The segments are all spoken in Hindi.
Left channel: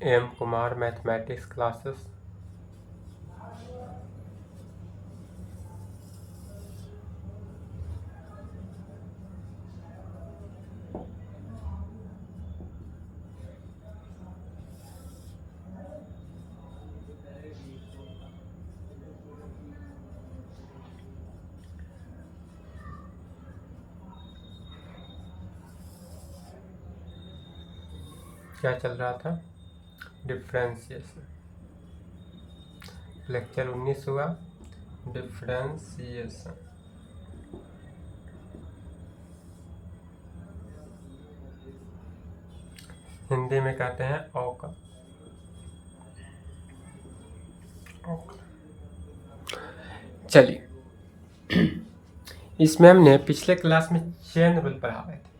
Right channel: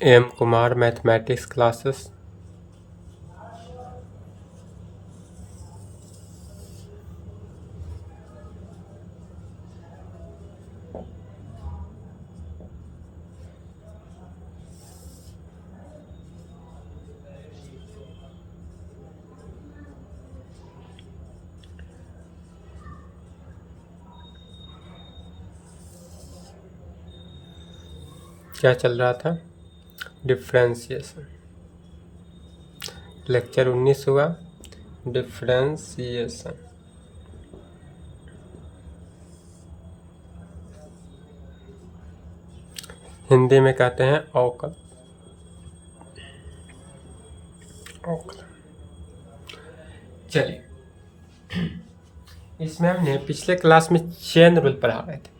M Kumar mathematics classes. क्या चल रहा था? डिफ्रेंशिएशन। लेक्चर 19 हुआ, डिफ्रेंशिएशन। हिंदी में कहते हैं अवकल। चलिए, इसमें हमने पिछले क्लास में चेन रूल पढ़ा रहे थे।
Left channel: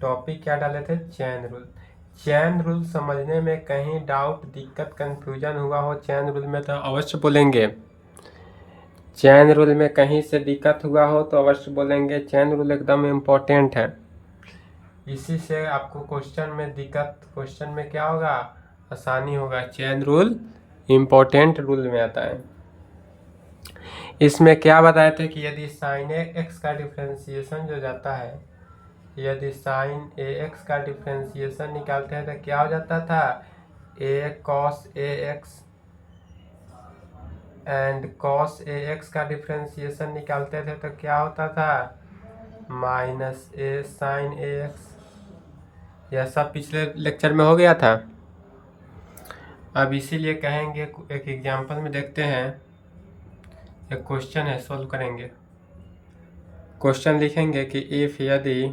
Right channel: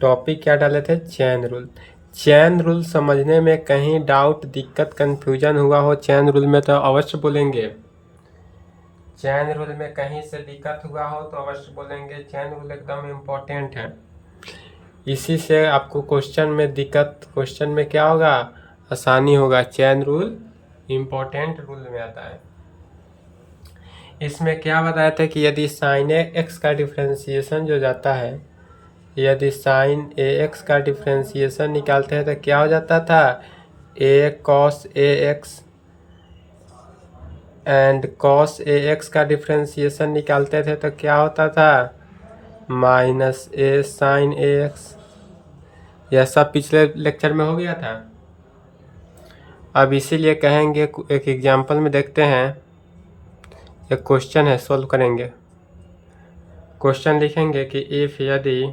टॉपिक क्या डाले थे? Chain rule. चेन रूल समझने में कहीं डाउट, दिक्कत, कंफ्यूजन हुआ हो चेन रूल में तो अवश्य बोलेंगे। चेन रूल में कहीं से दिक्कत हुआ हो तो अवश्य बोलेंगे। चेन रूल एकदम इम्पोर्टेंट है। इसी से आपको क्वेश्चन में दिक्कत, क्वेश्चन में क्या होगा? आसानी होगा। चेन रूल इम्पोर्टेंट रूल में आता है। इसमें क्या बताया था कि यदि साइन एक्स का डिफ्रेंशिएशन जो जाता है, यदि साइन ए एक्स का डिफ्रेंशिएशन निकालते हैं तो क्या हो जाता था? A cos A X and cos A x का डिफ्रेंशिएशन निकालते थे तो क्या होता था? Minus A sine A X. यह सब पिछले लेक्चर में हो गया था। अब इसीलिए कहेंगे, एक एग्जांपल में देखते हैं। एक क्वेश्चन है, सॉल्व करेंगे। क्वेश्चन लिखेंगे कि इफ यदि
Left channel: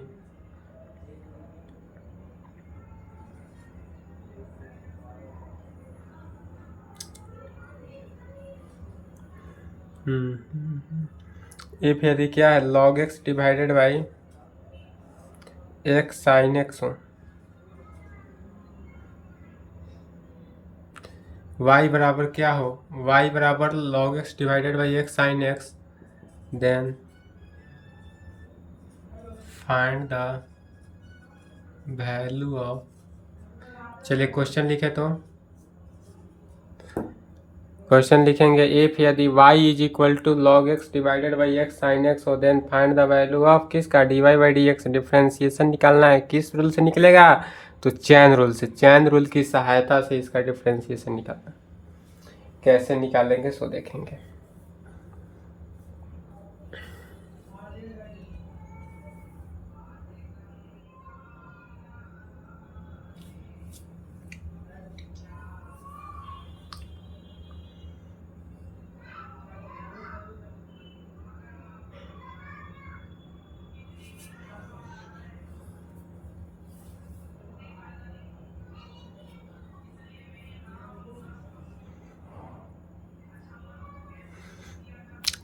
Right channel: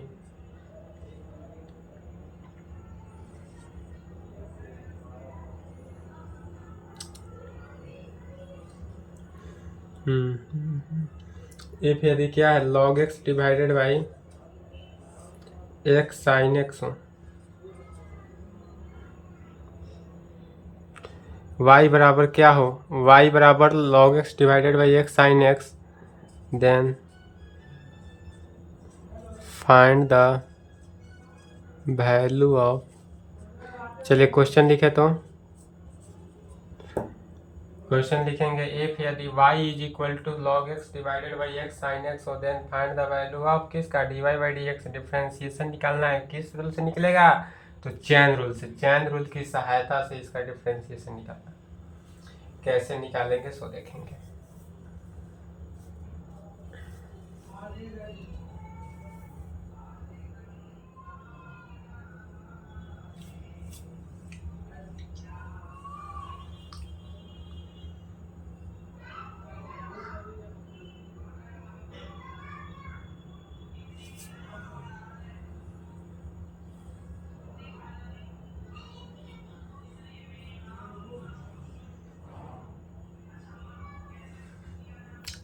इफ यदि क्या है? log x divided by x sine X हो, y बराबर क्या हो? y बराबर log x divided by x sine X, then find the value of. चलिए क्वेश्चन लिखे तो क्वेश्चन लिखेंगे इफ यदि y is equal to log x divided by x sine X हो, then find the value of किसका? dy by D X. Differentiation निकालना है, किस रूल से निकलेगा? तो चेन रूल से। चेन रूल की सहायता से इसका डिफ्रेंशिएशन निकालना। कैसे निकालेंगे सो देखेंगे।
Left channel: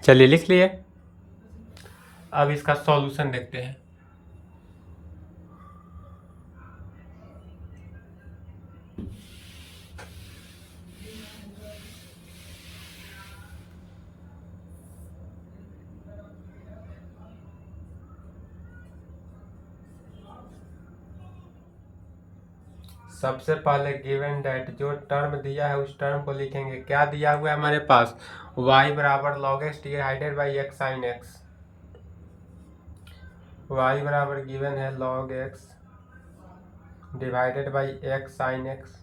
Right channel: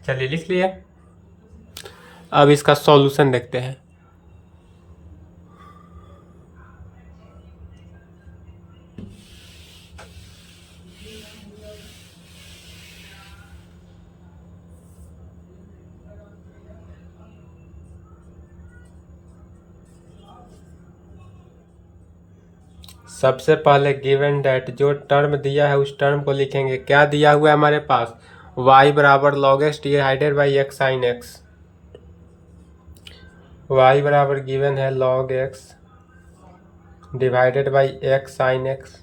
चलिए लिख लिए। अब इसका सॉल्यूशन देखते हैं। सबसे पहले गिवन डेट, जो टर्म दिया है उस टर्म को लिखेंगे। क्या दिया हुआ है हमारे पास? y बराबर log x divided by x sine x. y बराबर गिवन है log x divided by x sine x.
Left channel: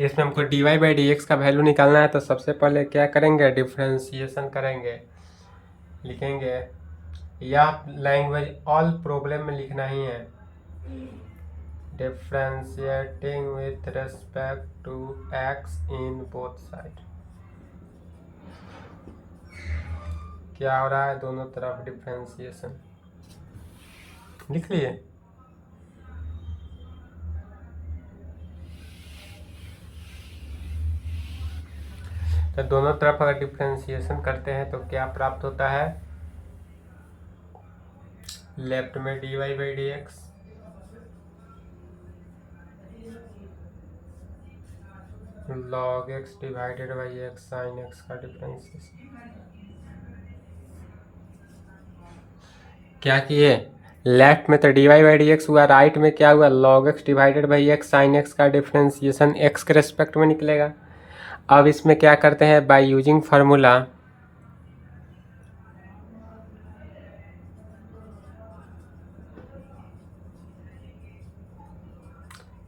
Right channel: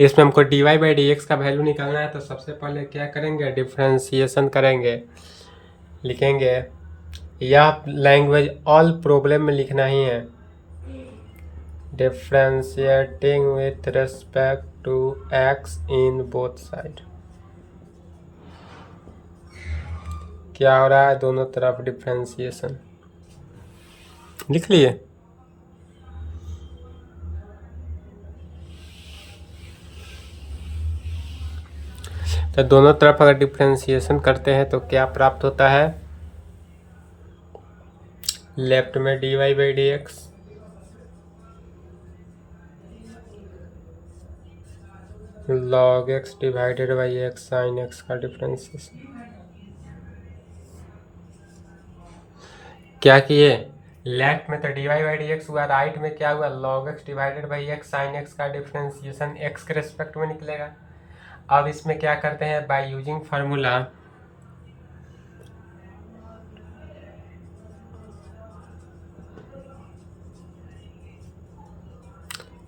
इसमें हमको dy बाई डी एक्स का वैल्यू निकालना है, तो सबसे पहले क्या करेंगे? डिफ्रेंशिएशन करेंगे। लिखेंगे, यह लैंग्वेज ऑल प्रॉब्लम में लिखना ही है। Differentiating with respect to x in both side. क्या हो रहा है? दोनों तरफ डिफ्रेंशिएशन। लिख लिए। तो दोनों तरफ अगर डिफ्रेंशिएशन करते हैं तो क्या प्राप्त होता है? लेफ्ट में dy by D x, log x divided by x sine x का डिफ्रेंशिएशन। क्या किए? लेफ्ट में तो d y by D x हुआ, राइट में क्या हुआ, log x divided by x sine x का डिफ्रेंसिएशन एक्स के रेस्पेक्ट में निकलेगा। अब इसमें क्या करते हैं, बाय यूजिंग फार्मूला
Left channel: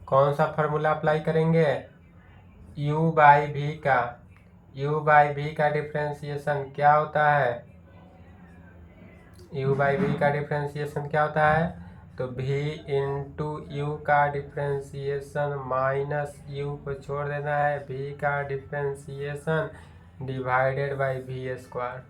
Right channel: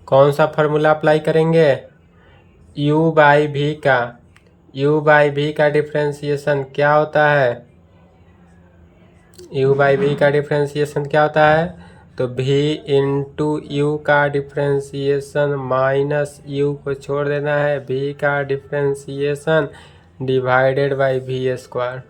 कौन सा फार्मूला अप्लाई करेंगे, u बाई भी का, u बाई भी का डिफ्रेंसिएशन क्या होता है, u बाई भी का डिफ्रेंसिएशन क्या होता है, तो v इंटू यू का डिफ्रेंसिएशन माइनस u को छोड़ देना है v का differentiation divided by v square.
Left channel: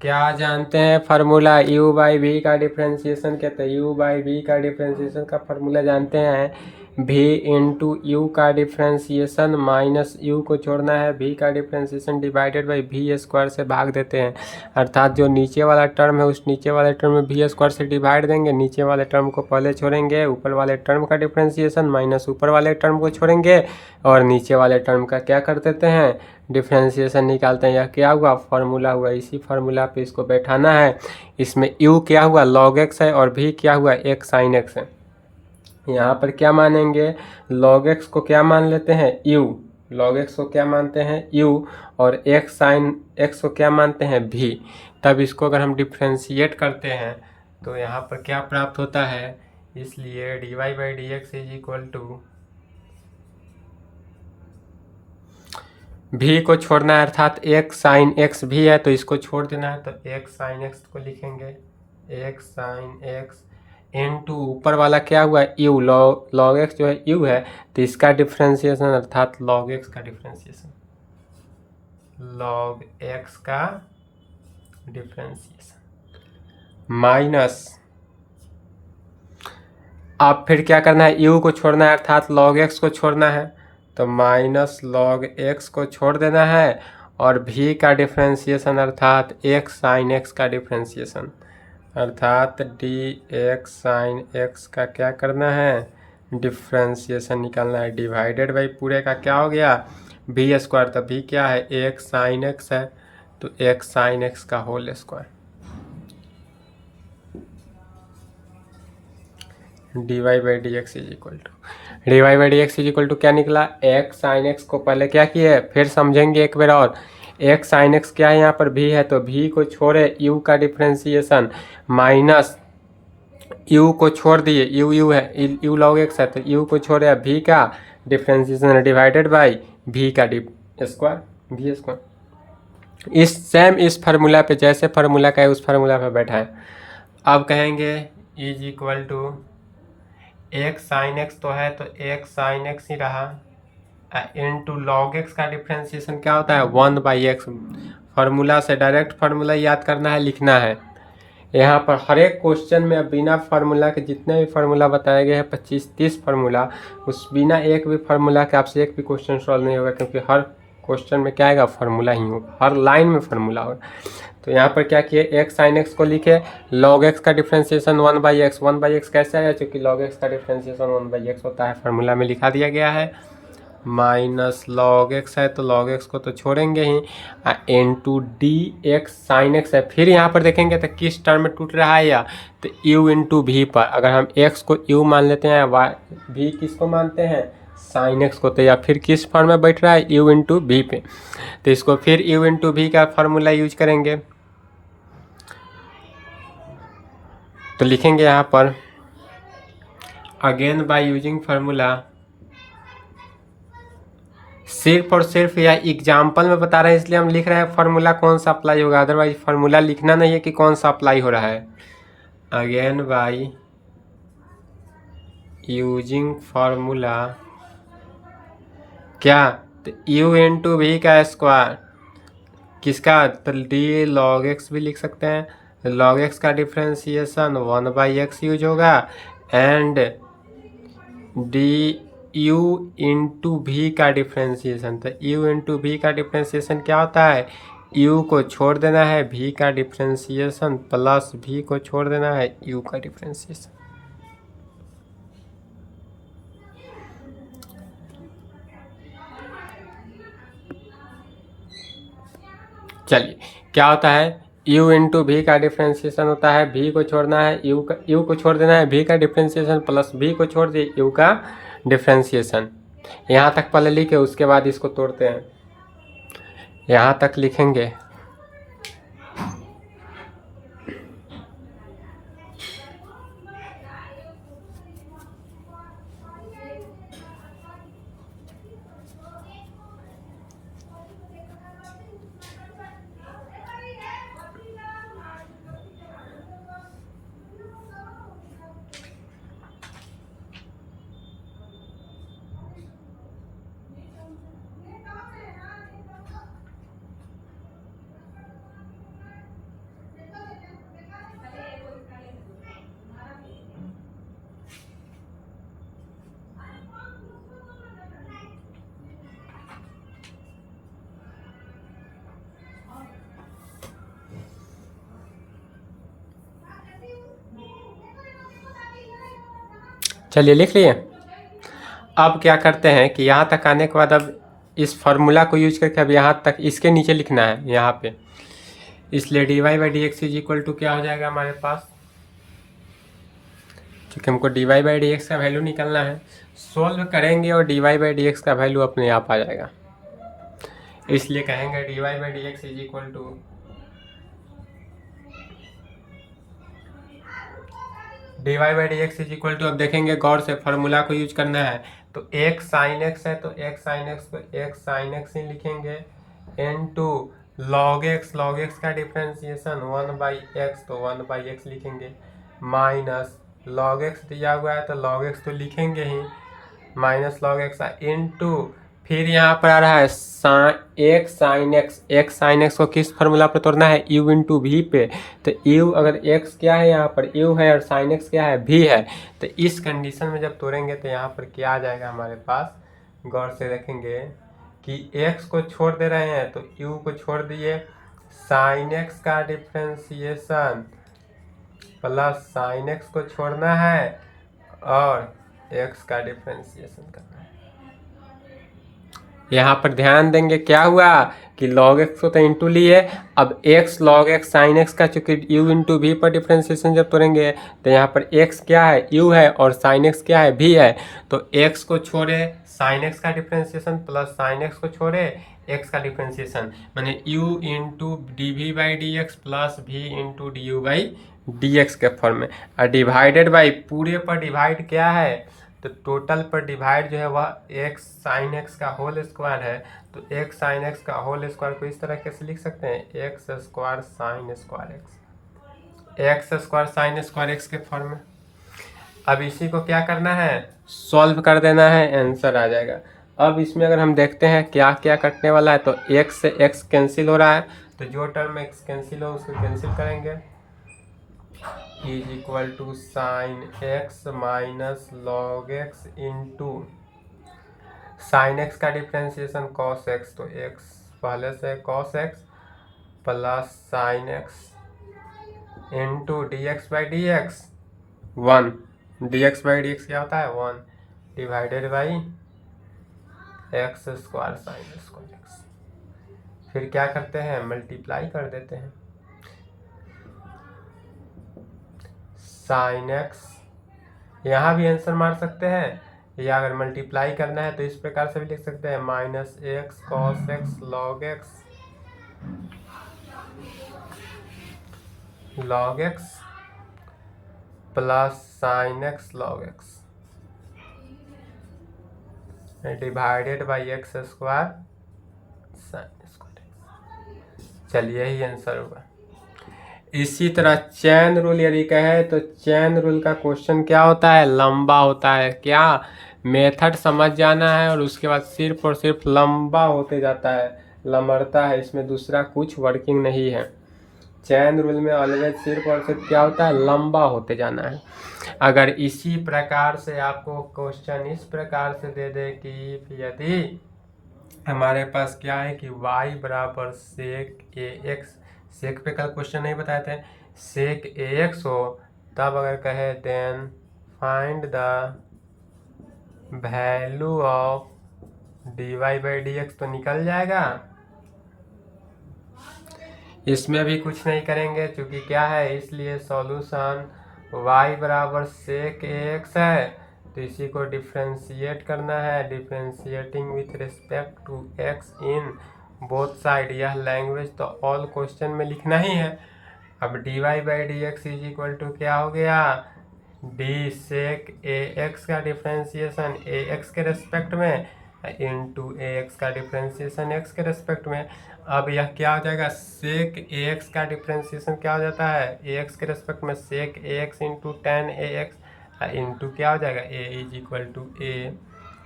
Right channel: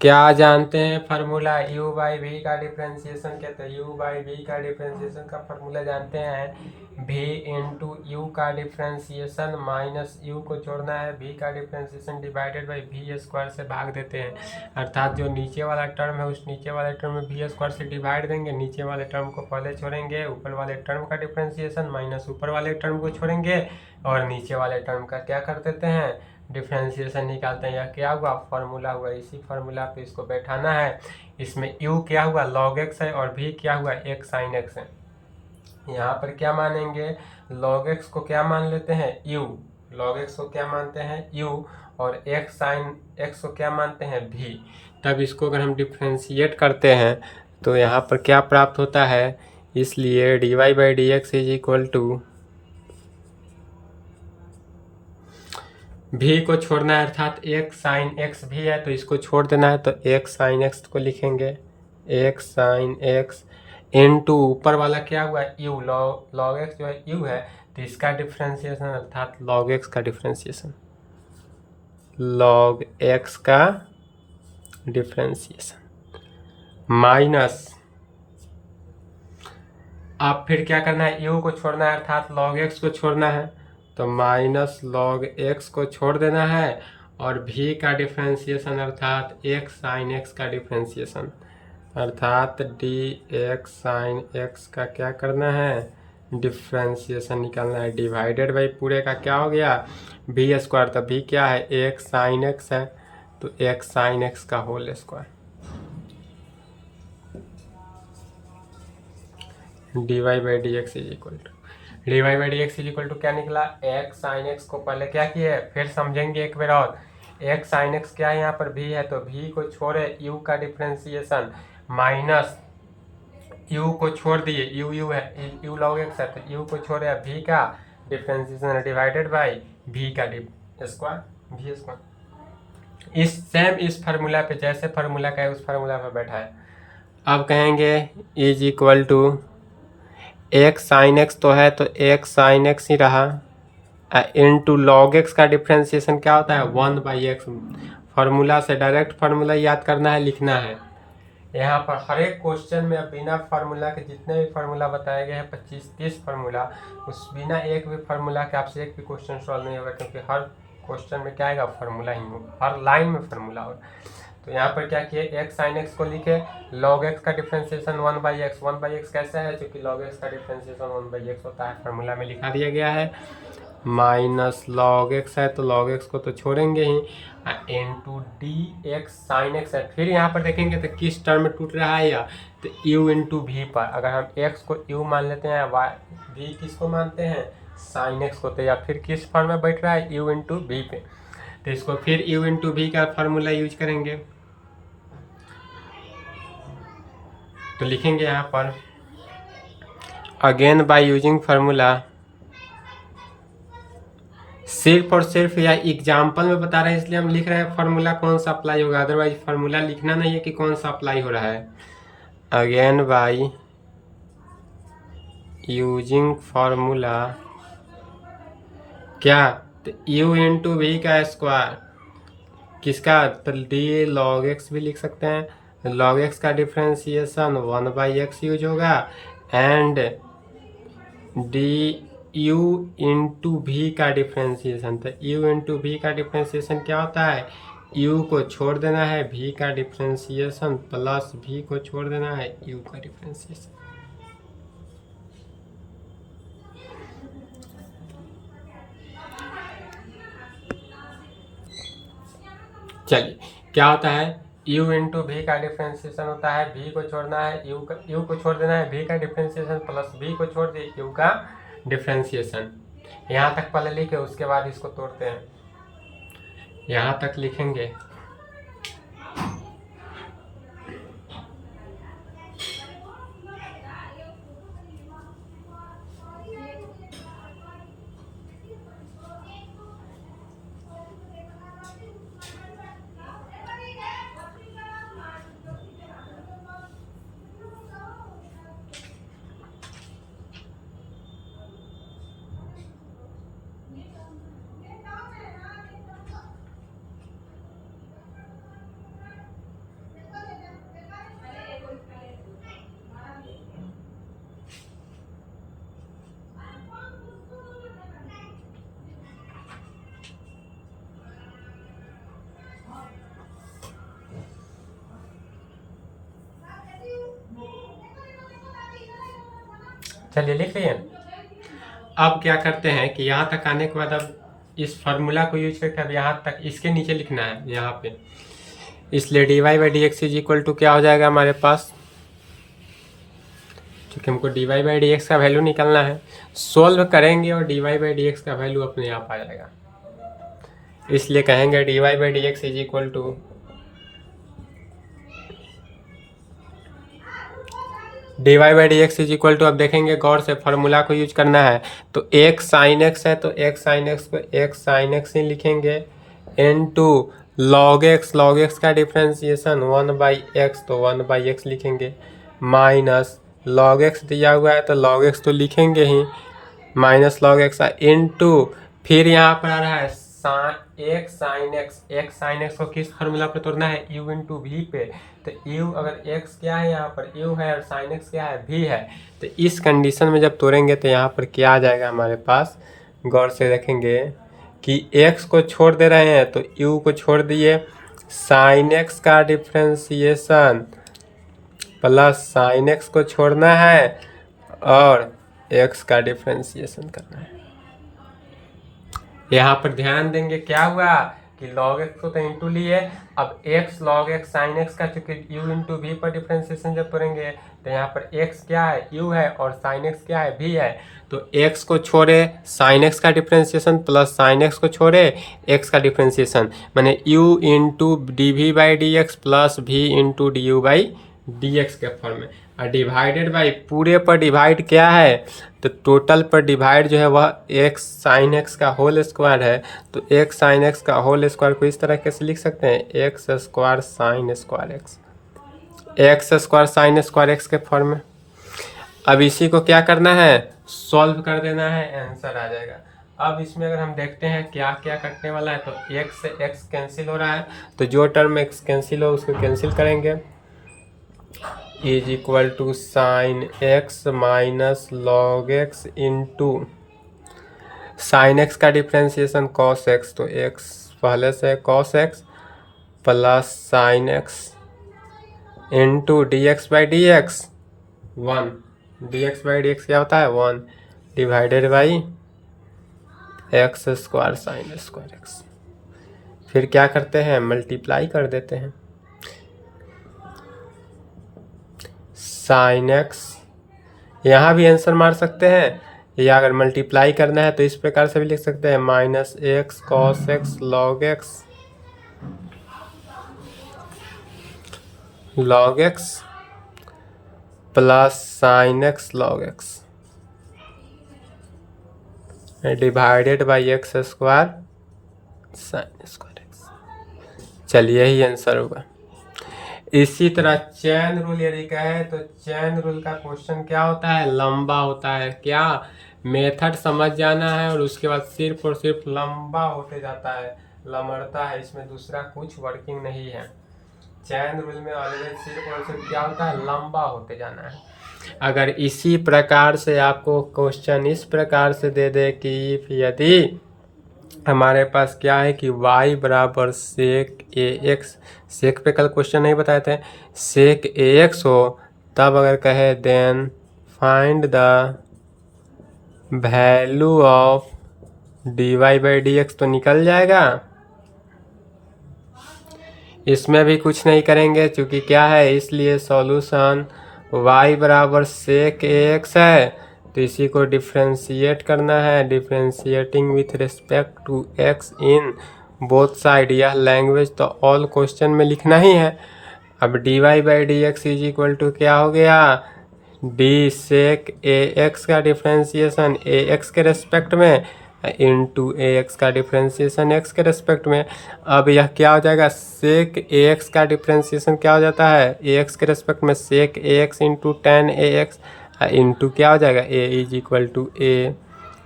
क्या जानते हैं फार्मूला u बाई v का डिफ्रेंसिएशन कहते हैं, u बाई v का डिफ्रेंसिएशन का फार्मूला जानते हैं, v इंटू यू का डिफ्रेंसिएशन माइनस u को छोड़ना है v का differentiation divided by v square से भाग देते हैं, अर्थात जो नीचे वाला टर्म है उस नीचे वाले टर्म में वी स्क्वायर से डिवाइड देंगे, नीचे वाले टर्म को पहले छोड़ेंगे, ऊपर वाले टर्म का डिफ्रेंसिएशन माइनस ऊपर वाले टर्म को छोड़ेंगे और नीचे वाले टर्म का क्या कर देते हैं, डिफ्रेंसिएशन निकालते हैं। यह क्या हुआ, फार्मूला हुआ। इसी फार्मूला पे इसको बैठाना है। इसमें u क्या हुआ, log x है और v क्या हुआ, x sin x है। यहाँ पर क्या मानेंगे, log x को क्या मान लेते हैं, u, log x को क्या मानते हैं, u, और x sin x को क्या मानते हैं, v। तब इसको अगर हम डिफ्रेंशिएट करते हैं तो यहाँ पर क्या प्राप्त होता है, इसलिए dy by D x is equal to भी को छोड़ना है, अर्थात x साइन x भी है तो इसको छोड़ देना है, तो x साइन x को लिखेंगे, x साइन x इनटू ऊपर वाला क्या हुआ, u, log x जो है u है तो इसका डिफ्रेंसिएशन अर्थात log x का डिफ्रेंसिएशन, log x का डिफ्रेंसिएशन माइनस, अब फिर क्या करना है, u को छोड़ना है अर्थात log x को छोड़ना है, तो माइनस log x को छोड़ देना है और v का डिफ्रेंसिएशन अर्थात x साइन x का डिफ्रेंसिएशन अर्थात dx साइन x का क्या करना है, डिफ्रेंसिएशन निकालना है, डिवाइडेड बाई पूरे का क्या हो गया, v स्क्वायर, तो v क्या है, x साइन x है तो x साइन x का whole square, d y by D x is equal to, d y by D x is equal to क्या निकला, एक्स साइन एक्स को पहले क्या किए, फिर समझेंगे एक बार और, एक्स साइन एक्स क्या है, यहाँ पर भी है तो भी को छोड़े, यू का डिफ्रेंसिएशन माइनस यू को छोड़ दिए, यू है, यू लॉग एक्स है तो यू को छोड़े, भी का डिफ्रेंसिएशन डिवाइडेड बाई भी का स्क्वायर, भी स्क्वायर। इस फार्मूला पे जैसे फार्मूला का है उस फार्मूला पे बैठा है। अब कहेंगे is equal to x sine x तो है तो एक्स साइन एक्स ही रहा, इनटू लॉग एक्स का डिफ्रेंसिएशन क्या होता है, 1/x। फार्मूला से डायरेक्ट फार्मूला याद करना है, लिखना है। यहाँ पर हर एक क्वेश्चन में बिना फार्मूला के जितने भी फार्मूला बताए गए हैं 25-30 फार्मूला, उस बिना एक भी फार्मूला के आपसे एक भी क्वेश्चन सॉल्व नहीं होगा, क्योंकि हर क्वेश्चन में क्या आएगा, फार्मूला ही होगा, हर लाइन में फार्मूला होगा। तो यहाँ पर क्या किए, एक्स साइन एक्स को लिखे, log x का डिफ्रेंसिएशन 1/x, 1/x कैसे आया, क्योंकि log x का डिफ्रेंसिएशन 1/x होता है, फार्मूला में लिखा दिया गया है, माइनस log x है तो log x को तो छोड़ेंगे ही, into D x sine X है। फिर यहाँ पर देखेंगे तो किस टर्म में टूट रहा है, या तो u इंटू भी पर, अगर हम x को u मान लेते हैं, y भी किसको मानते हैं, साइन x को, तो या फिर किस फॉर्म में बैठ रहा है, u इंटू भी पे, तो इसको फिर u इंटू भी का फार्मूला यूज करेंगे, तो लिखेंगे यहाँ पर अगेन बाय यूजिंग फार्मूला, सिर्फ और सिर्फ या एग्जाम्पल में बता रहे हैं इसलिए हम लिख रहे हैं फार्मूला कौन सा अप्लाई होगा, अदरवाइज फार्मूला लिखना नहीं है कि कौन सा अप्लाई हो रहा है। अगेन बाय यूजिंग फार्मूला क्या, तो u इंटू वी का स्क्वायर किसका, तो डी लॉग एक्स भी लिख सकते हैं, log x का डिफ्रेंसिएशन 1/x यूज होगा, एंड डी यू इंटू भी का डिफ्रेंसिएशन, तो u इंटू भी का डिफ्रेंसिएशन क्या होता है, u को छोड़ देना है v का डिफ्रेंसिएशन प्लस v को छोड़ देना है u का डिफ्रेंसिएशन। चलिए क्या होता है, यू इंटू भी का डिफ्रेंशिएशन होता है, भी को छोड़ना है यू को छोड़ देना है, भी का डिफ्रेंशिएशन प्लस भी को छोड़ दिए यू का डिफ्रेंशिएशन। यहाँ तक पहले लिखे, उसके बाद इसको तोड़ते हैं। यहाँ तक लिखेंगे चलिए लिख लिए। अब क्या करते हैं कि यहाँ तक आने के बाद अब इस फार्मूला को यूज करके अब यहाँ तक इसके नीचे लिखना है यहाँ पे, इसलिए d y by D x is equal to क्या हो जाएगा हमारे पास, क्योंकि हमको d y by D x का वैल्यू निकालना है, सोल्व करेंगे और d y by D x का वैल्यू अपने आप आ जाएगा। इसलिए कहेंगे d y by D x is equal to d y by D x is equal to, अब देखेंगे गौर से फार्मूला को यूज करना है तो एक साइन एक्स है तो एक साइन एक्स को एक साइन एक्स ही लिखेंगे इन टू लॉग एक्स का डिफ्रेंसिएशन 1/x तो 1/x लिखेंगे, माइनस लॉग एक्स दिया हुआ है तो लॉग एक्स तो लिखेंगे ही, minus log X into फिर यहाँ पर आ रहा है एक साइन एक्स को किस फार्मूला पर तोड़ना है, यू इंटू वी पे। तो यू अगर एक्स क्या है यहाँ पर यू है और साइन एक्स क्या है भी है, तो इस कंडीशन में जब तोड़ेंगे तो यहाँ पर क्या आ जाएगा हमारे पास, गौर से देखेंगे कि एक्स को छोड़ दे रहे हैं तो यू को छोड़ दिए, साइन एक्स का डिफ्रेंसिएशन प्लस साइन एक्स को छोड़ना है और एक्स का डिफ्रेंसिएशन करना है। यहाँ पर ध्यान देंगे क्या हुआ कि log x को तो इंटू लिए, अब x log x sign x का चूंकि u इंटू भी पर डिफ्रेंसिएशन जब तोड़ेंगे तो यहाँ पर x क्या है u है और साइन x क्या है भी है, तो x को छोड़े साइन x का डिफ्रेंसिएशन प्लस साइन x को छोड़े x का डिफ्रेंसिएशन, माने u into D V by D X plus V into D U by D X के फॉर्म में, और डिवाइडेड बाई पूरे पर डिवाइड क्या है, तो टोटल पर डिवाइड जो है वह एक्स साइन एक्स का होल स्क्वायर है, तो एक्स साइन एक्स का होल स्क्वायर को इस तरह कैसे लिख सकते हैं, x square sine square x square sine square x के फॉर्म में। अब इसी को क्या करना है, सॉल्व कर देना है, आंसर आ जाएगा। अब इसमें अगर हम देखते हैं क्या क्या कटने वाला है, तो एक्स से एक्स कैंसिल हो रहा है, तो जो टर्म एक्स कैंसिल हो उसको कैंसिल करेंगे, is equal to sine x minus log x into sine x का डिफ्रेंसिएशन कॉस एक्स, तो एक्स पहले से cos x plus sine x into d x by D x 1, d x by D x क्या होता है 1 divided by x square sine square x. फिर क्या करते हैं, मल्टीप्लाई कर देते हैं, साइन एक्स यहाँ भी आंसर मार सकते हैं, या अगर मल्टीप्लाई करना है तो इस प्रकार से भी लिख सकते हैं, minus x cos x log x plus sine x log x divided by x square sine square x. चलिए यही आंसर होगा। इसी तरह चैन रूल यदि कहे तो चैन रूल का क्वेश्चन क्या होता है, लंबा होता है, क्या मेथड समझ जाना है और उसके बाद सिर्फ और सिर्फ लंबा होते जाता है, लमड़ता है, इसमें दूसरा कुछ वर्किंग नहीं है। चैन रूल में ऑलवेज सिर्फ और सिर्फ क्या होता है, लंबा होते जाना है। अगर इसी प्रकार से आपको क्वेश्चन इस प्रकार से दे दे कि यदि हमारे पास क्या है कि y बराबर सेक ए एक्स, सेक पे कल क्वेश्चन नहीं बताए थे, सेक ए एक्स हो, तब अगर कहे then find the value of d y by D x, तो निकल जाएगा इसमें भी कुछ नहीं करेंगे क्योंकि क्या है, इसलिए सॉल्यूशन y बराबर सेक एक्स है, तो इसी को डिफ्रेंशिएट करना है, differentiating with respect to x in both side. यह लैंग्वेज तो ऑल क्वेश्चन में लिखना ही है। अब dy by D x is equal to क्या हो गया, डी सेक ए एक्स का डिफ्रेंशिएशन ए एक्स के रेस्पेक्ट में इंटू ए एक्स का डिफ्रेंशिएशन एक्स के रेस्पेक्ट में। अब यह क्या हो जाएगा, सेक ए एक्स का डिफ्रेंशिएशन क्या हो जाता है, ए एक्स के रेस्पेक्ट में sec A X into tan A X into क्या हो जाएगा, A is equal to A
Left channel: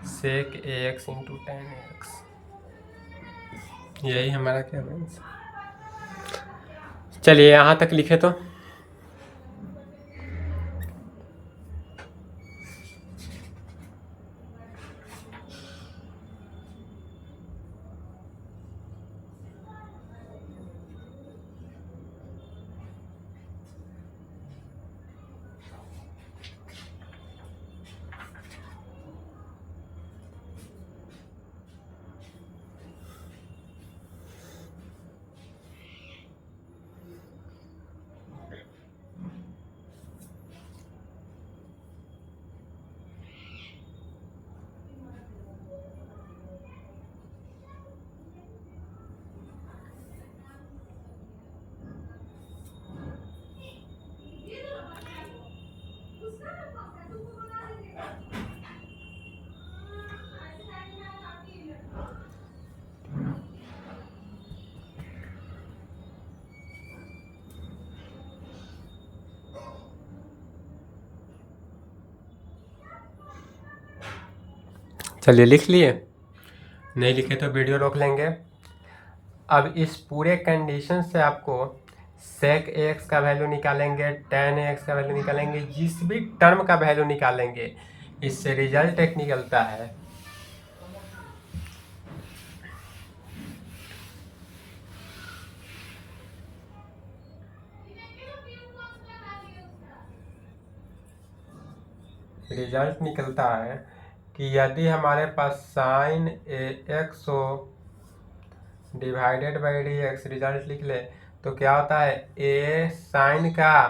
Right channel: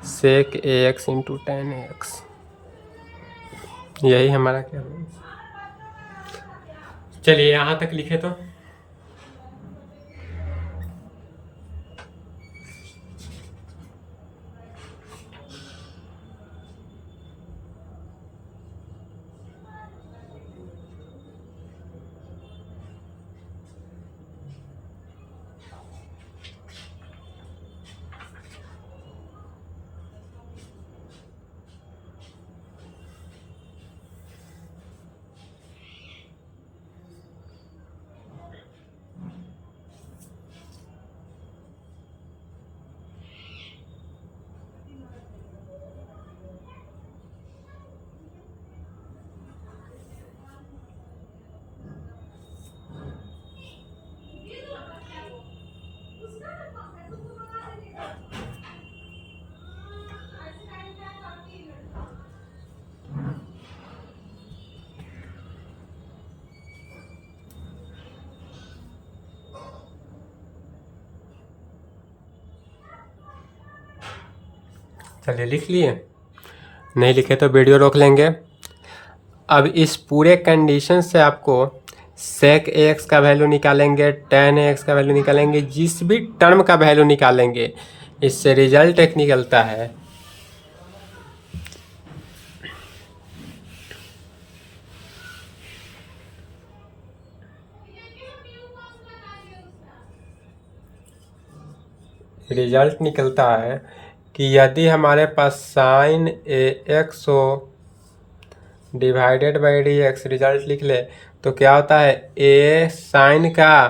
sec A X into tan A X. यही हमारा क्या बनेगा। चलिए यहाँ तक लिखे तो चलिए लिख लिए, नहीं लिखे तो वीडियो रोक लेंगे। अब इस पूरे कंडीशन से आपको सेक एक्स का वैल्यू निकालेंगे, टेन एक्स का वैल्यू निकालेंगे, जिस भी टर्म का वैल्यू निकालेंगे इससे रिजल्ट एक निकलता है। रिजल्ट निकलता है कि यदि हमारे पास साइन ए एक्स हो divided by D x, result लिख ले तो क्या होता है, ए साइन का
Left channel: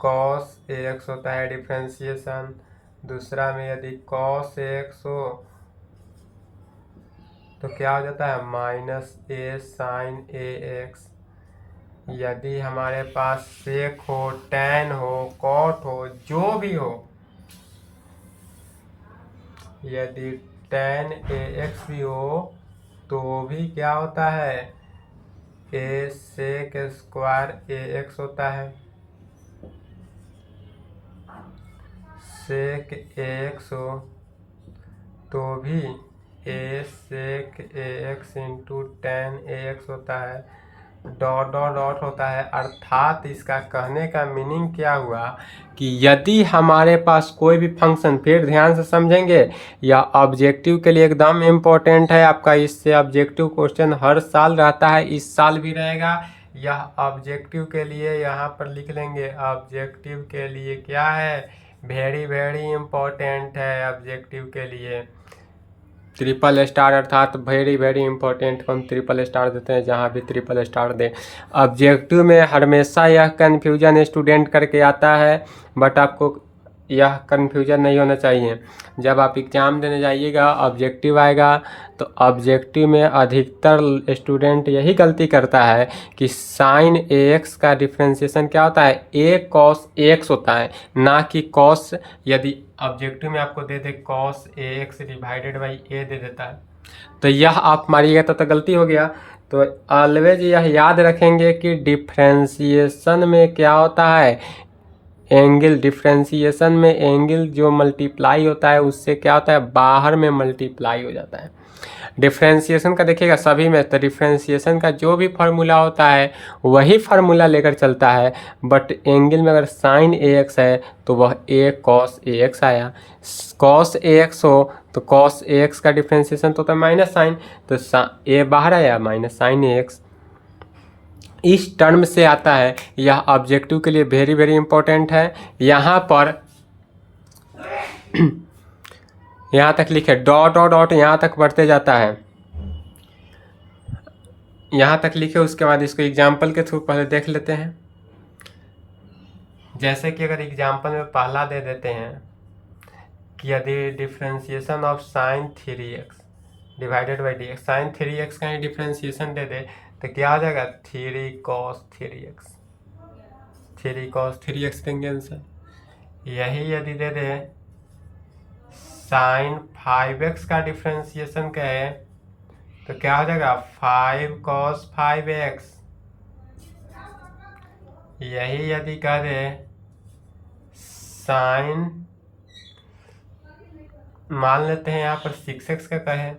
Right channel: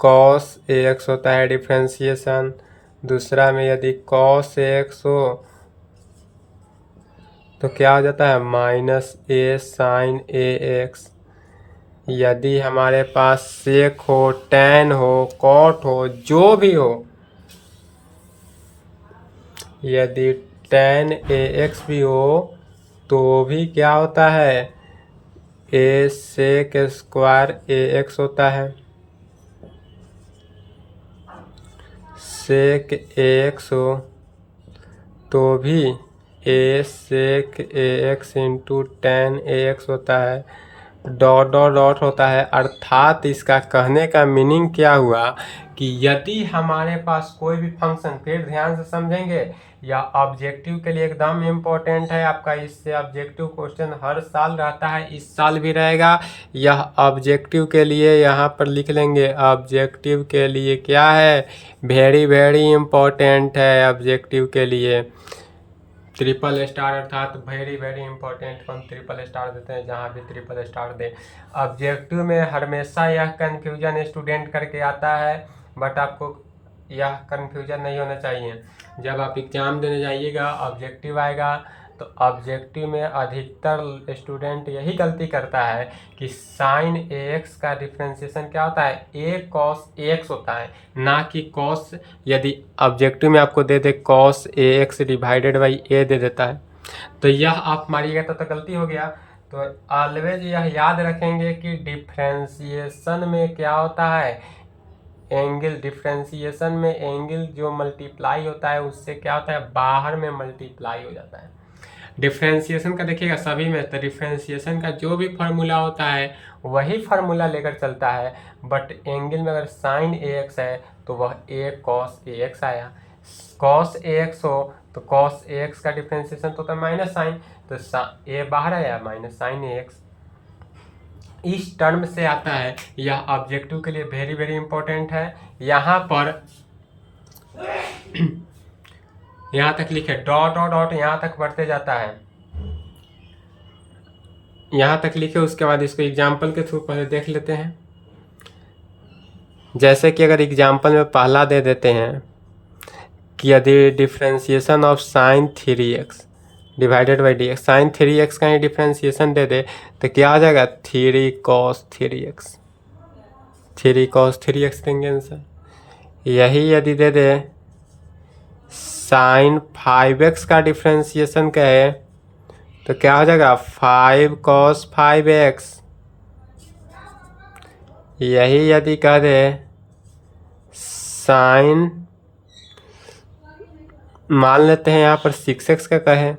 कॉस ए एक्स होता है डिफ्रेंशिएशन। दूसरा में यदि कॉस ए एक्स हो तो क्या हो जाता है, minus A sine A x. यदि हमारे पास सेक हो, टेन हो, कॉट हो, जो भी हो, यदि टेन ए एक्स भी हो तो भी क्या होता है, ए सेक स्क्वायर ए एक्स होता है। सेक ए एक्स हो तो भी ए sec A X into tan A x होता है, डॉट डॉट डॉट होता है। अर्थात इसका कहने का मीनिंग क्या हुआ कि यदि हमारे पास कोई भी फंक्शन, फिर ध्यान से समझेंगे, या ऑब्जेक्टिव के लिए एकदम इम्पोर्टेंट है आपका, इससे ऑब्जेक्टिव क्वेश्चन हर साल रहता है, इस साल भी रहेगा। यह ऑब्जेक्टिव के लिए यहाँ पर लिख लेंगे, ऑब्जेक्टिव के लिए क्या है, वेरी वेरी इम्पोर्टेंट है ऑब्जेक्टिव के लिए। ट्रिपल स्टार अर्थात वेरी वेरी इंपॉर्टेंट, हम ट्रिपल स्टार देते हैं जहाँ भी ट्रिपल स्टार दे। ऑब्जेक्टिव में हमेशा यह कन्फ्यूजन स्टूडेंट करके आता है, बट आपको यह कन्फ्यूजन नहीं होना चाहिए। जब आप एग्ज़ाम देने जाइएगा ऑब्जेक्टिव आएगा तो ऑब्जेक्टिव में अधिकतर स्टूडेंट यही गलती करता है कि साइन ए एक्स का डिफ्रेंशिएशन क्या होता है, ए कॉस एक्स होता है, ना कि कॉस। यदि ऑब्जेक्टिव में आपको दे दे cos A X divided by A दे देता है तो यह आप मारिएगा तो गलती हो गया। तो ऑलवेज यह याद रखेंगे कि डिफ्रेंशिएशन में क्या होता है, एंगल। डिफ्रेंशिएशन में एंगल जो मल्टीप्लाई होता है उससे क्या होता है, बाहर में मल्टीप्लाई हो जाता है। डिफ्रेंशिएशन का देखिएगा सभी में, तो डिफ्रेंशिएशन का जो भी फार्मूला होता है वही फार्मूला लेकर चलता है, बट एंगल में अगर साइन ए एक्स है तो वह ए कॉस ए एक्स आया। कॉस ए एक्स हो तो कॉस ए एक्स का डिफ्रेंशिएशन तो होता है माइनस साइन, तो ए बाहर आया माइनस साइन ए एक्स, इस टर्म से आता है। यह ऑब्जेक्टिव के लिए वेरी वेरी इंपॉर्टेंट है। यहाँ पर यहाँ तक लिखे, डॉट और डॉट यहाँ तक बढ़ते जाता है। यहाँ तक लिखे, उसके बाद इसको एग्जाम्पल के थ्रू पहले देख लेते हैं। जैसे कि अगर एग्जाम्पल में पहला दे देते हैं कि यदि differentiation of sine 3x divided by D x, sine 3x का ही डिफ्रेंशिएशन दे दे तो क्या आ जाएगा 3 cos 3x, 3 cos 3x देंगे आंसर। यही यदि दे दे साइन 5x का डिफ्रेंशिएशन कहे तो क्या हो जाएगा 5 cos 5x। यही यदि कह दे साइन, मान लेते हैं यहाँ पर 6x का कहे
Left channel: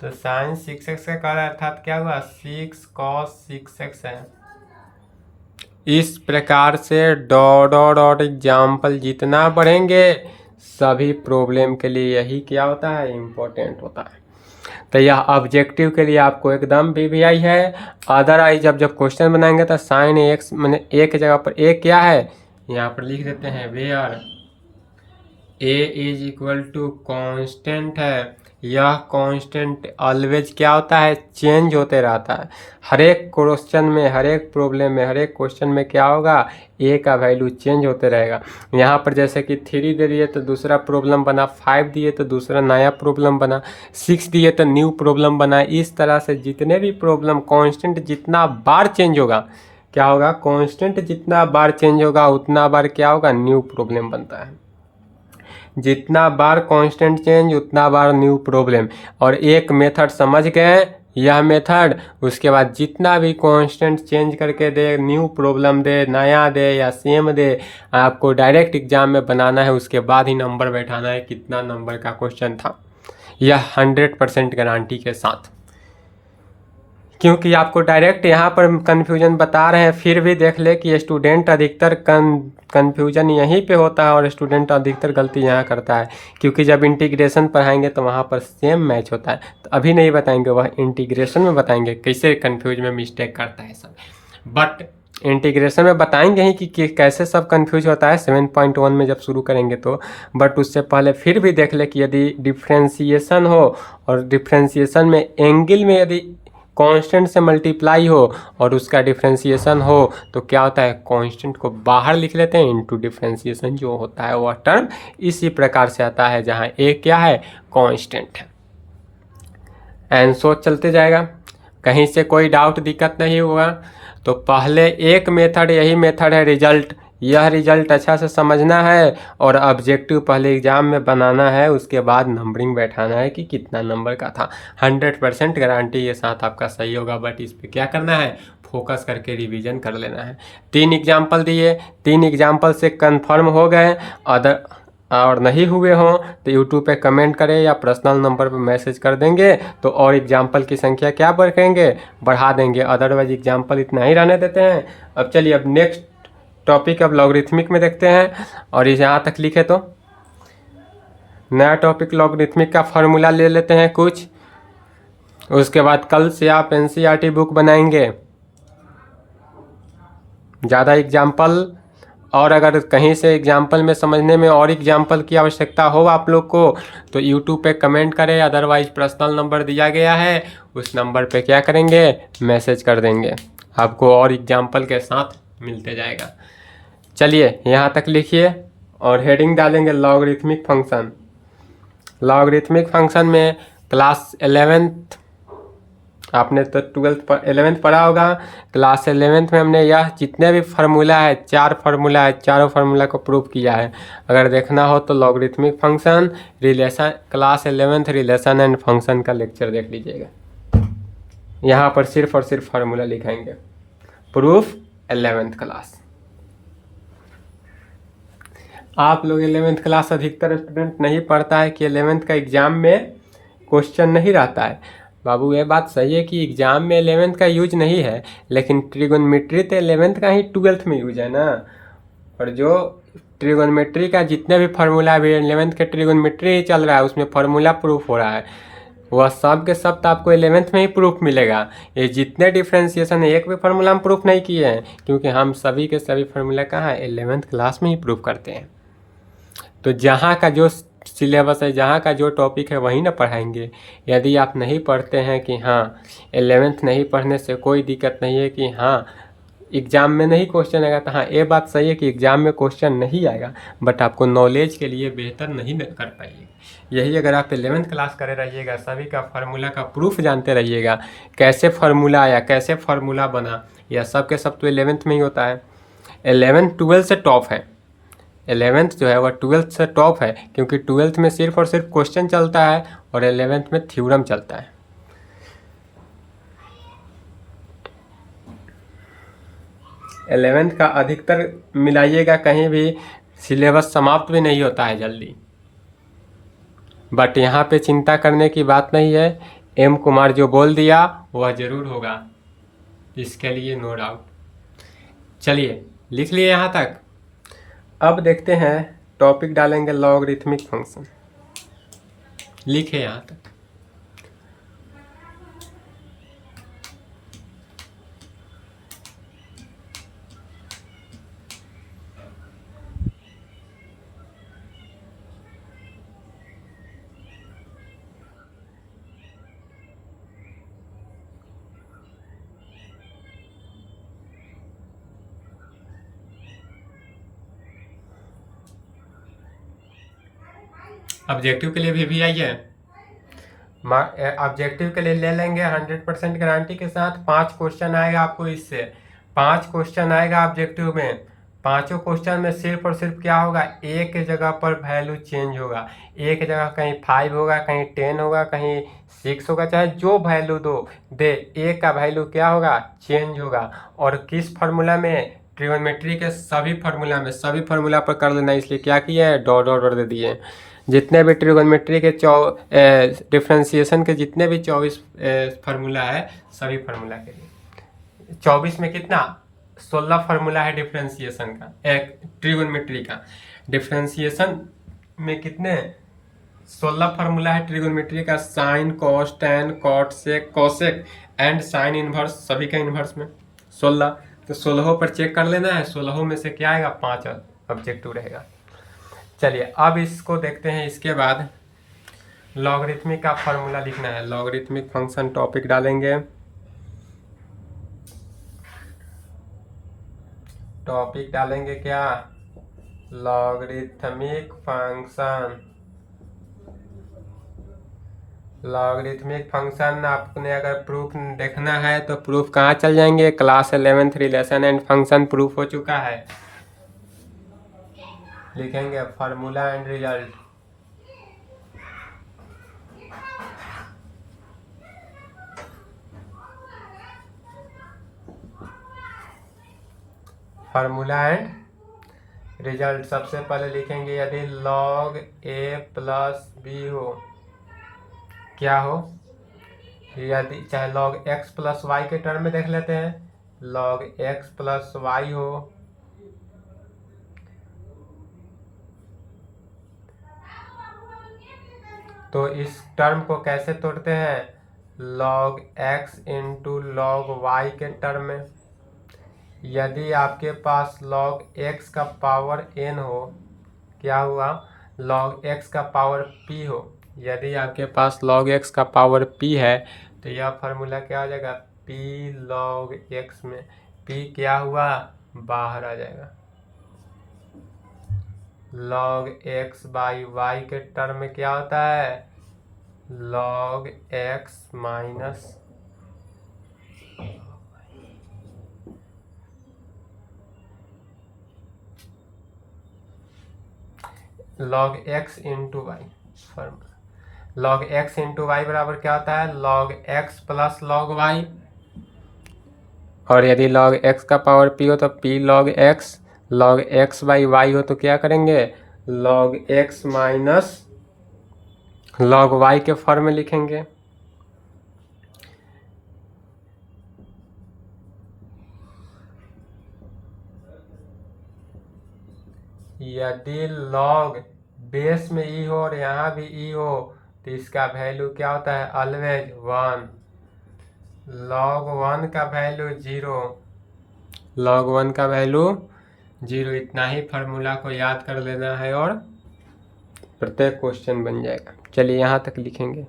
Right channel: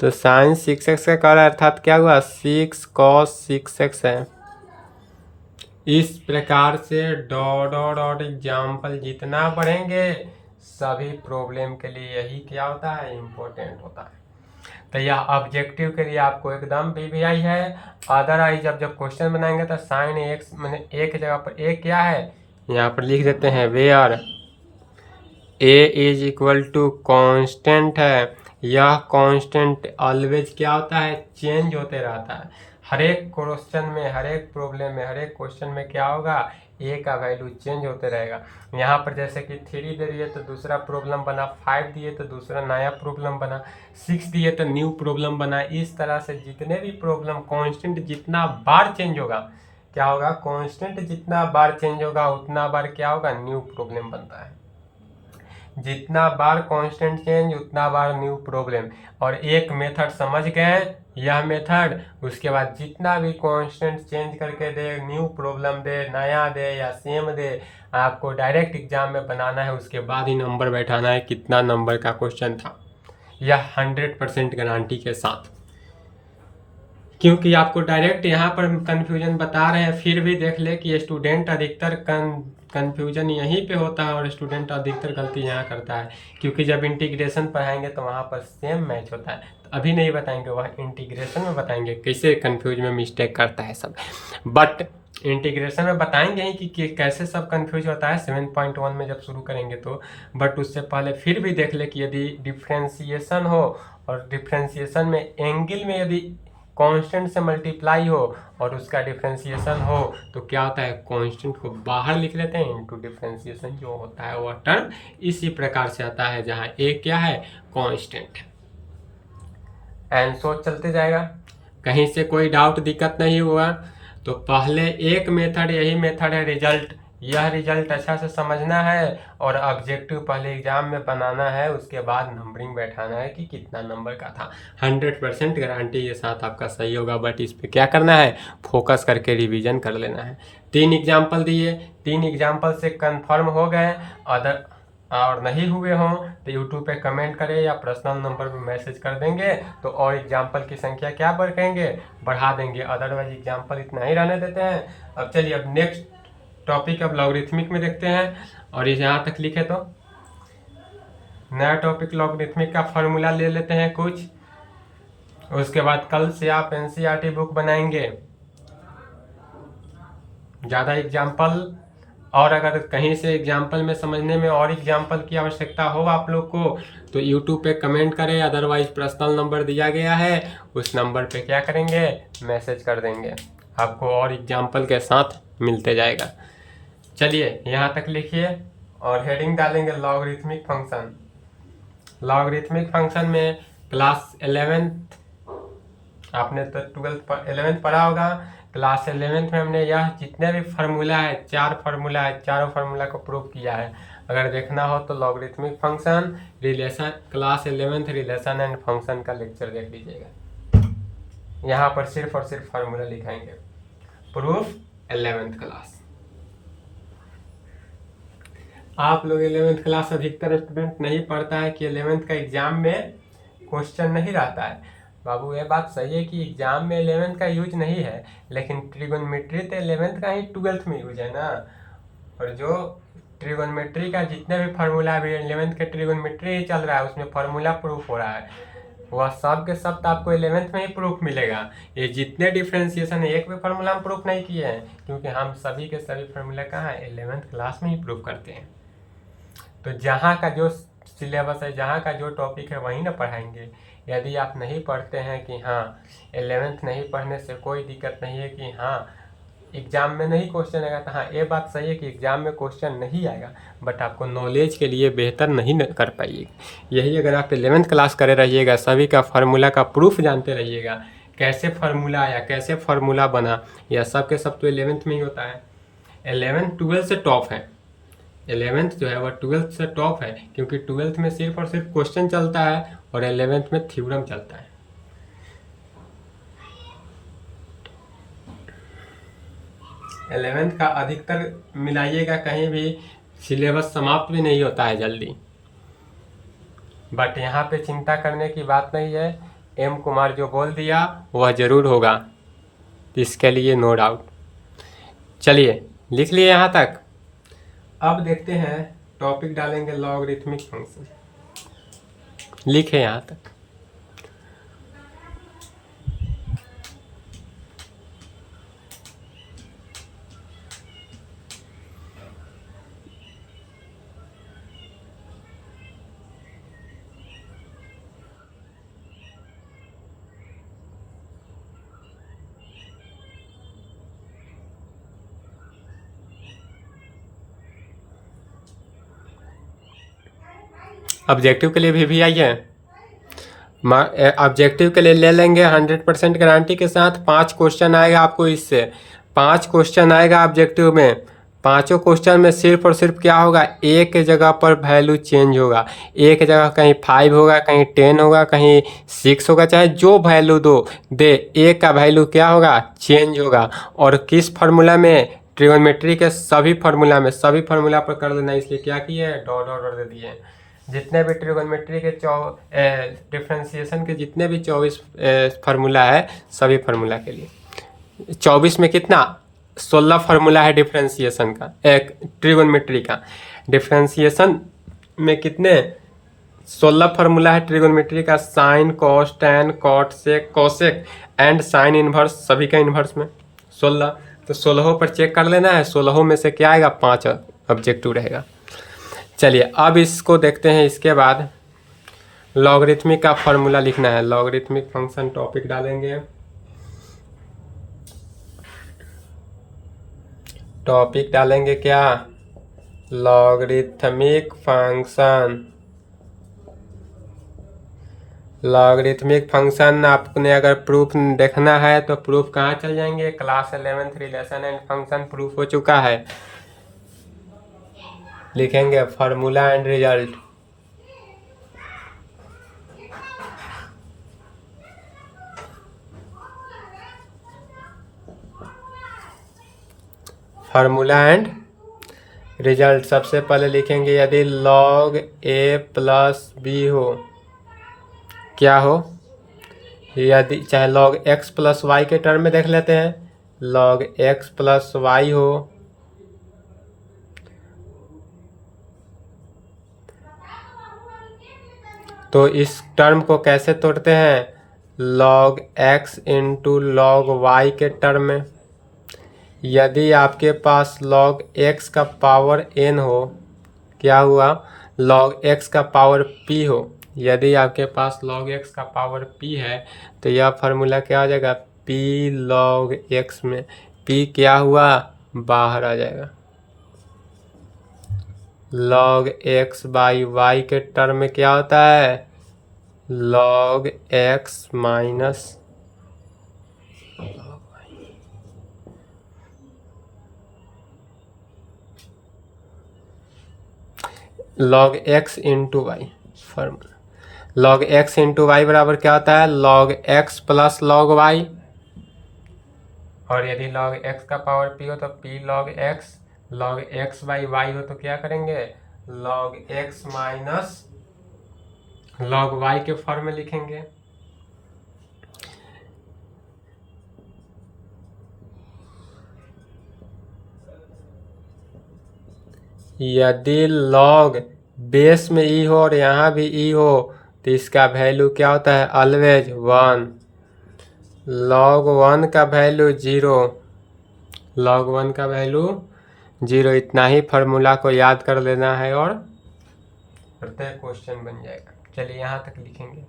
तो साइन 6x का कर अर्थात क्या हुआ 6 cos 6x है। इस प्रकार से डॉट डॉट डॉट एग्जाम्पल जितना बढ़ेंगे सभी प्रॉब्लम के लिए यही क्या होता है इम्पोर्टेंट होता है। तो यह ऑब्जेक्टिव के लिए आपको एकदम BVI है। अदरवाइज जब क्वेश्चन बनाएंगे तो साइन x मैंने ए की जगह पर ए क्या है यहाँ पर लिख देते हैं where a is equal to constant है। यह कांस्टेंट ऑलवेज क्या होता है चेंज होते रहता है। हर एक क्वेश्चन में, हर एक प्रॉब्लम में, हर एक क्वेश्चन में क्या होगा ए का वैल्यू चेंज होते रहेगा। यहाँ पर जैसे कि 3 दे दिए तो दूसरा प्रॉब्लम बना, 5 दिए तो दूसरा नया प्रॉब्लम बना, 6 दिए तो न्यू प्रॉब्लम बना। इस तरह से जितने भी प्रॉब्लम कांस्टेंट जितना बार चेंज होगा क्या होगा, कांस्टेंट जितना बार चेंज होगा उतना बार क्या होगा न्यू प्रॉब्लम बनता है। जितना बार कांस्टेंट चेंज उतना बार न्यू प्रॉब्लम। और एक मेथड समझ गए यह मेथड, उसके बाद जितना भी कांस्टेंट चेंज करके दे, न्यू प्रॉब्लम दे, नया दे या सेम दे, आपको डायरेक्ट एग्जाम में बनाना है। उसके बाद ही नंबर बैठाना है कितना नंबर का क्वेश्चन था, यह 100% गारंटी के साथ। क्योंकि आपको डायरेक्ट यहाँ पर कन्फ्यूजन बता रहे हैं, फिर भी देख ले कि स्टूडेंट अधिकतर कन्फ्यूजन यहीं पे होता है और स्टूडेंट अधिकतर गलती यहाँ करता है। क्योंकि जब इंटीग्रेशन पढ़ाएंगे तो वहाँ पर सेम मैच होता है, तो अभी नहीं बताएंगे, वह इंटीग्रेशन में बताएंगे कैसे कन्फ्यूज में मिस्टेक करता है सब। बट इंटीग्रेशन में बताएंगे ही कि कैसे सब कंफ्यूज होता है 7.1 में जब शुरू करेंगे तो। बट उससे पहले फिर भी देख ले कि यदि डिफ्रेंशिएशन हो और डिफ्रेंशिएशन में एंगल में यदि कांस्टेंट से मल्टीप्लाई हो और उसका डिफ्रेंशिएशन हो तो क्या होता है कांस्टेंट को बाहर लिख लेते हैं, इनटू डिफ्रेंशिएशन जो होता है वह टर्म इसी प्रकार से आता है जहां ए क्या है कांस्टेंट है। एंड सो चलते जाएगा, कहीं से कोई डाउट दिक्कत नहीं हुआ तो पहले एक मेथड, यही मेथड है रिजल्ट। यह रिजल्ट अच्छा से समझना है और ऑब्जेक्टिव पहले एग्जाम में बनाना है, उसके बाद नंबरिंग बैठाना है कि कितना नंबर का था। 100% गारंटी के साथ आपका सही होगा। बट इस पे क्या करना है, फोकस करके रिवीजन कर लेना है। 3 एग्जाम्पल दिए, 3 एग्जाम्पल से कंफर्म हो गए, अदर और नहीं हुए हों तो यूट्यूब पे कमेंट करें या पर्सनल नंबर पे मैसेज कर देंगे तो और एग्जाम्पल की संख्या क्या बढ़ेंगे, बढ़ा देंगे। अदरवाइज एग्जाम्पल इतना ही रहने देते हैं। अब चलिए अब नेक्स्ट टॉपिक अब लॉगरिथमिक में देखते हैं। और यहाँ तक लिखे तो नया टॉपिक लॉगरिथमिक का फार्मूला ले लेते हैं कुछ, उसके बाद कल से आप NCERT बुक बनाएंगे। ज़्यादा एग्जाम्पल, और अगर कहीं से एग्जाम्पल में समझने में और एग्जाम्पल की आवश्यकता हो आप लोग को तो यूट्यूब पे कमेंट करें, अदरवाइज पर्सनल नंबर दिया गया है उस नंबर पे क्या करेंगे मैसेज कर देंगे, आपको और एग्जाम्पल के साथ मिलते जाएगा। चलिए यहाँ तक लिखिए और हेडिंग डालेंगे लॉगरिथमिक फंक्शन। लॉगरिथमिक फंक्शन में क्लास 11th आपने तो 11th पढ़ा होगा। क्लास 11th में हमने यह जितने भी फार्मूला है, 4 फार्मूला है, चारों फार्मूला को प्रूव किया है। अगर देखना हो तो logarithmic function relation, class 11th relation and function का लेक्चर देख लीजिएगा। यहाँ पर सिर्फ और सिर्फ फार्मूला लिखाएंगे, प्रूफ 11th क्लास। आप लोग 11th क्लास अधिकतर स्टूडेंट नहीं पढ़ता है कि 11th का एग्जाम में क्वेश्चन नहीं रहता है। बाबू ये बात सही है कि एग्जाम में 11th का यूज नहीं है, लेकिन ट्रिगोनोमेट्री तो 11th का ही 12th में यूज है ना। और जो ट्रिगोनोमेट्री का जितने भी फार्मूला अभी 11th के ट्रिगोनोमेट्री ही चल रहा है उसमें फार्मूला प्रूफ हो रहा है, वह सब के सब तो आपको 11th में ही प्रूफ मिलेगा। ये जितने डिफ्रेंशिएशन एक भी फार्मूला हम प्रूफ नहीं किए हैं, क्योंकि हम सभी के सभी फार्मूला कहाँ है 11th क्लास में ही प्रूफ करते हैं। तो जहाँ का जो सिलेबस है, जहाँ का जो टॉपिक है वही ना पढ़ाएंगे। यदि आप नहीं पढ़ते हैं कि हाँ 11th नहीं पढ़ने से कोई दिक्कत नहीं है कि हाँ एग्ज़ाम में नहीं क्वेश्चन आएगा, तो हाँ ये बात सही है कि एग्ज़ाम में क्वेश्चन नहीं आएगा, बट आपको नॉलेज के लिए बेहतर नहीं कर पाइएगा। यही अगर आप 11th क्लास करे रहिएगा, सभी का फार्मूला का प्रूफ जानते रहिएगा, कैसे फार्मूला आया, कैसे फार्मूला बना, यह सब के सब तो 11th में ही होता है। 11th 12th से टॉप है, 11th जो है वह 12th से टॉप है, क्योंकि 12th में सिर्फ और सिर्फ क्वेश्चन चलता है और 11th में थ्योरम चलता है। 11th का अधिकतर मिलाइएगा, कहीं भी सिलेबस समाप्त भी नहीं होता है जल्दी, बट यहाँ पे चिंता करने की बात नहीं है। एम कुमार जो बोल दिया वह ज़रूर होगा, इसके लिए नो डाउट। चलिए लिख लिए यहाँ तक। अब देखते हैं टॉपिक डालेंगे लॉगरिथमिक फंक्शन। लिखे यहाँ तक। ऑब्जेक्टिव के लिए भी आइए, ऑब्जेक्टिव के लिए ले लेंगे 100% गारंटी के साथ। 5 क्वेश्चन आएगा आपको इससे, 5 क्वेश्चन आएगा ऑब्जेक्टिव में। 5 क्वेश्चन में सिर्फ और सिर्फ क्या होगा, एक जगह पर वैल्यू चेंज होगा। एक जगह कहीं 5 होगा, कहीं 10 होगा, कहीं 6 होगा, चाहे जो वैल्यू दे एक का वैल्यू क्या होगा, चेंज होगा। और किस फार्मूला में, ट्रिगोनोमेट्री के सभी फार्मूला में, सभी फार्मूला पर कर लेना, इसलिए क्या किया है, डॉट डॉट दे दिए। जितने भी ट्रिगोनोमेट्री के डिफ्रेंसिएशन के जितने भी 24 फार्मूला है, सभी फार्मूला के लिए 24 में कितना 16 फार्मूला है डिफ्रेंसिएशन का, एक ट्रिगोनोमेट्री का। डिफ्रेंसिएशन में कितने 16 फार्मूला है ट्रिगोनोमेट्री का, sine, cos, tan, cot, sec, cosec and sine inverse, सभी का इनवर्स में 16। तो 16 पर चेक कर लेना है, 16 में से क्या आएगा, 5 ऑब्जेक्टिव रहेगा। चलिए अब इसको देखते हैं। इसके बाद लॉगरिथमिक का फार्मूला लिखना है। लॉगरिथमिक फंक्शन टॉपिक डालेंगे, टॉपिक डालेंगे क्या, लॉगरिथमिक फंक्शन। लॉगरिथमिक फंक्शन आपने अगर प्रूफ देखना है तो प्रूफ कहाँ चल जाएंगे, class 11th relation and function proof हो चुका है। लिखेंगे formula and result. Formula and result सबसे पहले लिखेंगे, यदि log a प्लस बी हो, क्या हो, यदि चाहे log x प्लस वाई के टर्म में देख लेते हैं, log x प्लस वाई हो, तो इस टर्म को कैसे तोड़ते हैं, log x into log y के टर्म में। यदि आपके पास log x का पावर n हो, क्या हुआ, log x का पावर p हो, यदि आपके पास log x का पावर p है तो यह फार्मूला क्या हो जाएगा, p log x में p क्या हुआ, बाहर आ जाएगा। log x बाई y के टर्म में क्या होता है, log x minus log x into y. Formula log x into y बराबर क्या होता है, log x plus log y, और यदि log x का पावर p हो तो p log x, log x by y हो तो क्या करेंगे, log x minus log y के फॉर्म में लिखेंगे। यदि log बेस में e हो और यहाँ भी e हो तो इसका वैल्यू क्या होता है, ऑलवेज 1। log 1 का वैल्यू 0, log 1 का वैल्यू 0। इतना ही फार्मूला को याद कर लेना है और प्रत्येक क्वेश्चन बन जाएगा। चलिए यहाँ तक लिखेंगे।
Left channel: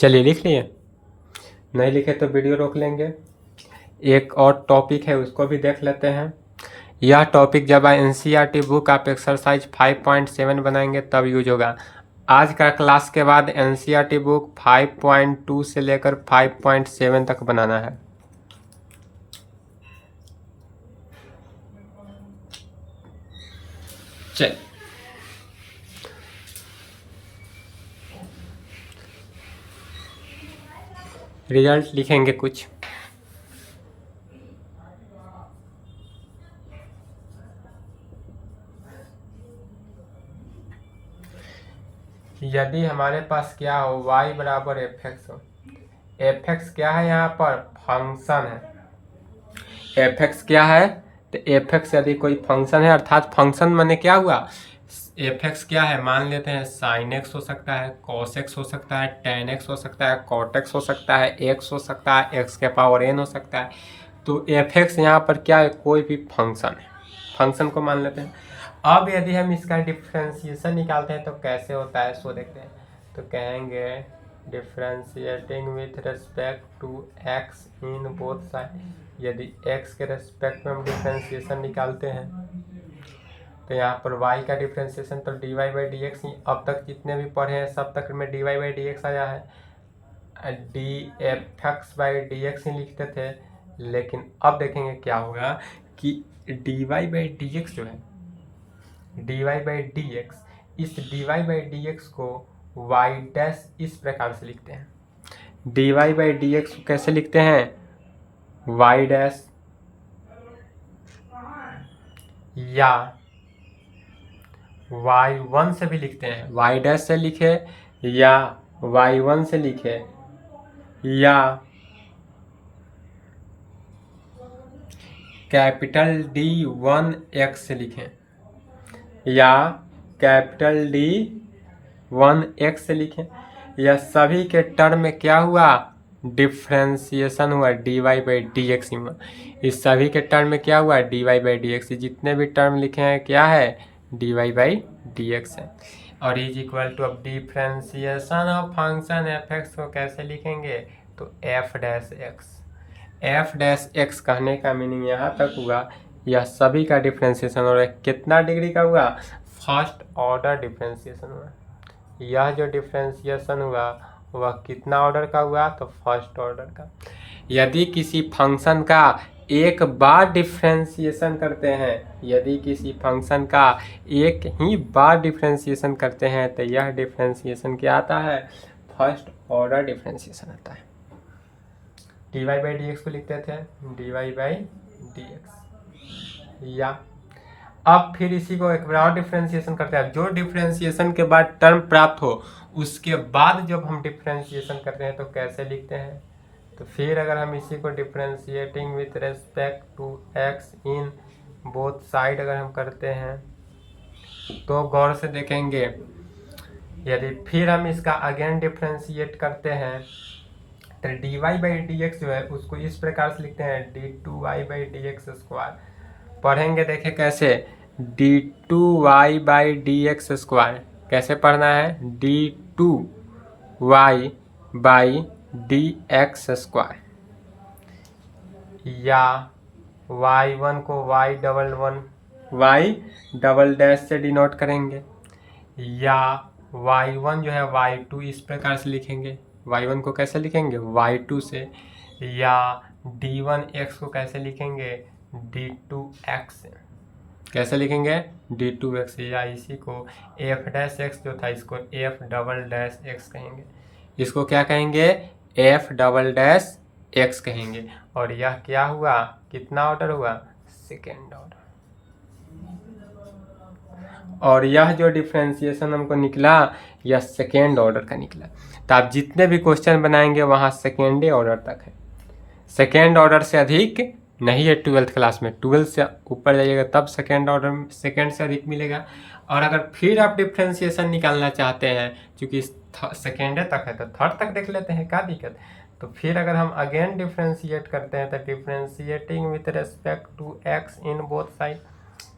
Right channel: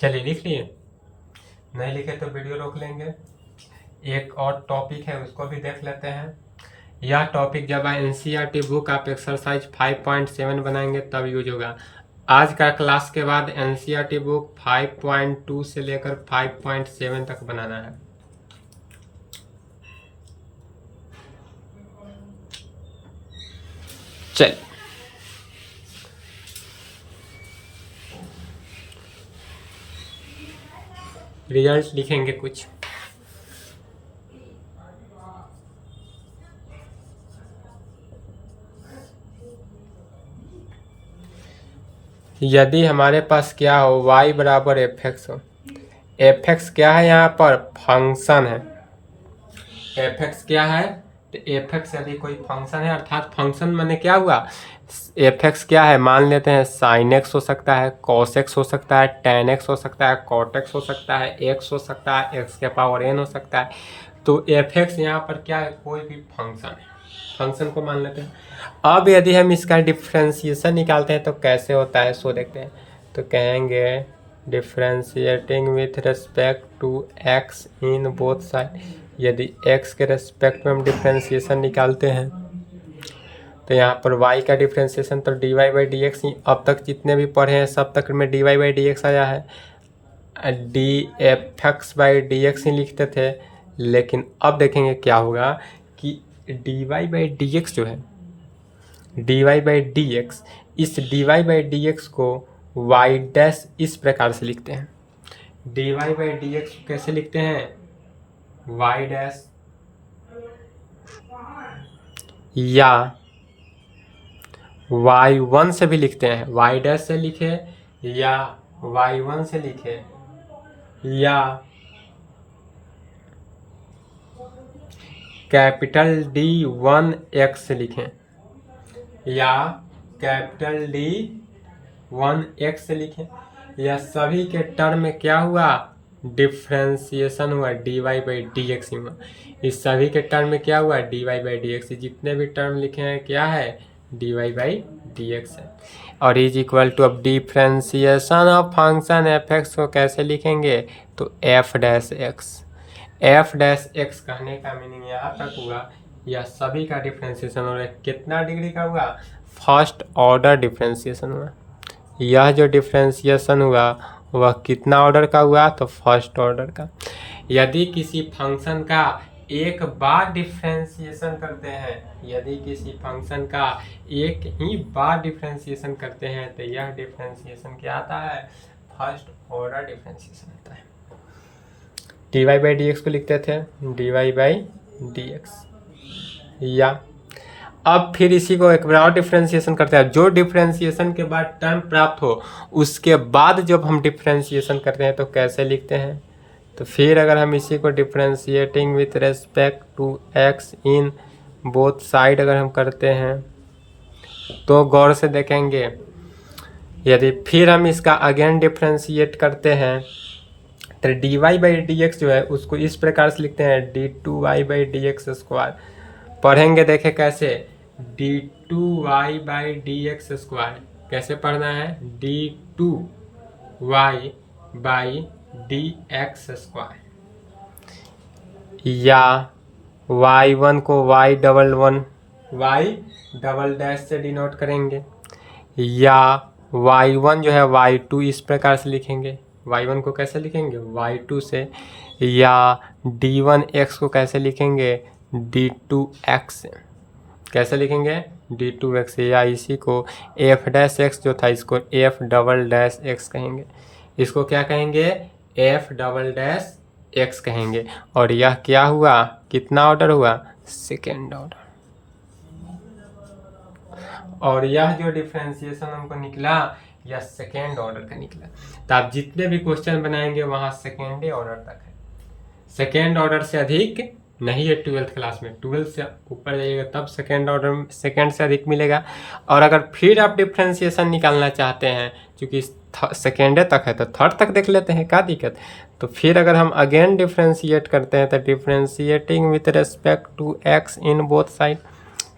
चलिए लिख लिए, नहीं लिखे तो वीडियो रोक लेंगे। एक और टॉपिक है उसको भी देख लेते हैं। यह टॉपिक जब एनसीईआरटी बुक आप एक्सरसाइज 5.7 बनाएंगे तब यूज होगा। आज का क्लास के बाद एनसीईआरटी बुक 5.2 से लेकर 5.7 तक बनाना है। चल रिजल्ट लिखेंगे कुछ। यदि हमारे पास क्या हो, y बराबर एफ एक्स हो। एफ एक्स क्या है, यहाँ पर फंक्शन है। एफ एक्स क्या है, तो एफ एक्स यदि कोई फंक्शन है, अर्थात फंक्शन माने क्या हुआ, एफ एक्स क्या है, मान लेते हैं साइन एक्स हो सकता है, कॉस एक्स हो सकता है, टेन एक्स हो सकता है, कॉट एक्स हो सकता है, एक्स हो सकता है, एक्स के पावर एन हो सकता है। तो एफ एक्स यहाँ पर क्या है, कोई भी फंक्शन है, फंक्शन को मान लेते हैं। अब यदि हम इसका डिफ्रेंशिएशन निकालते हैं तो कैसे होता है सो देखते हैं। तो कहेंगे differentiating with respect to x in both side. यदि एक्स के रिस्पेक्ट में हम डिफ्रेंशिएशन निकालते हैं तो यहाँ पर y का डिफ्रेंशिएशन तो dy बाई डी एक्स, अब तक जितने भी पढ़े हैं सब तक में dy बाई डी एक्स आया है। D F X by D X ही लिखते थे, लेकिन अब देखेंगे क्या होगा कि dy बाई डी एक्स जो है, dy बाई डी एक्स, इस dy बाई डी एक्स को y डैश इस प्रकार से लिखते हैं। dy बाई डी एक्स को कैसे लिखते हैं, y डैश या y1 से भी लिखते हैं, y डैश से लिखे या y1 से लिखे या कैपिटल D1 x से लिखें या कैपिटल D1 x से लिखें, या सभी के टर्म में क्या हुआ, डिफ्रेंशिएशन हुआ, dy बाई डी एक्स हुआ। इस सभी के टर्म में क्या हुआ, dy बाई डी एक्स। जितने भी टर्म लिखे हैं क्या है, dy बाई डी एक्स है। और इज इक्वल टू, अब differentiation of function F x को कैसे लिखेंगे, तो F dash x. F dash x कहने का मीनिंग यहाँ तक हुआ, यह सभी का डिफ्रेंशिएशन हो रहा है। कितना डिग्री का हुआ, फर्स्ट ऑर्डर डिफ्रेंशिएशन हुआ। यह जो डिफ्रेंशिएशन हुआ वह कितना ऑर्डर का हुआ, तो फर्स्ट ऑर्डर का। यदि किसी फंक्शन का एक बार डिफ्रेंशिएशन करते हैं, यदि किसी फंक्शन का एक ही बार डिफ्रेंशिएशन करते हैं तो यह डिफ्रेंशिएशन क्या आता है, फर्स्ट ऑर्डर डिफ्रेंशिएशन आता है। D y by D x को लिखते थे d y by D x, या अब फिर इसी को एक बार और डिफ्रेंशिएशन करते हैं। जो डिफ्रेंशिएशन के बाद टर्म प्राप्त हो उसके बाद जब हम डिफ्रेंशिएशन करते हैं तो कैसे लिखते हैं, तो फिर अगर हम इसी को differentiating with respect to x in both side अगर हम करते हैं तो गौर से देखेंगे, यदि फिर हम इसका अगेन डिफ्रेंशिएट करते हैं तो d y by D x जो है उसको इस प्रकार से लिखते हैं d two y by D x square. पढ़ेंगे, देखें कैसे, d two y by D x square कैसे पढ़ना है, d two y by D x square, या y1 को y डबल डैश से डिनोट करेंगे, या y1 जो है y2 इस प्रकार से लिखेंगे। y1 को कैसे लिखेंगे, y2 से, या d1x को कैसे लिखेंगे, d2x से। कैसे लिखेंगे, d2x, या इसी को f डैश एक्स जो था इसको f डबल डैश एक्स कहेंगे, इसको क्या कहेंगे, f डबल डैश एक्स कहेंगे। और यह क्या हुआ, कितना ऑर्डर हुआ, सेकेंड ऑर्डर। और यह जो डिफ्रेंशिएशन हमको निकला यह सेकेंड ऑर्डर का निकला। तो आप जितने भी क्वेश्चन बनाएंगे वहाँ सेकेंड ऑर्डर तक है, सेकेंड ऑर्डर से अधिक नहीं है। 12th क्लास में 12 से ऊपर जाइएगा तब सेकेंड ऑर्डर, सेकेंड से अधिक मिलेगा। और अगर फिर आप डिफ्रेंशिएशन निकालना चाहते हैं, क्योंकि सेकेंडे तक है तो थर्ड तक देख लेते हैं, क्या दिक्कत। तो फिर अगर हम अगेन डिफ्रेंशिएट करते हैं तो differentiating with respect to x in both side,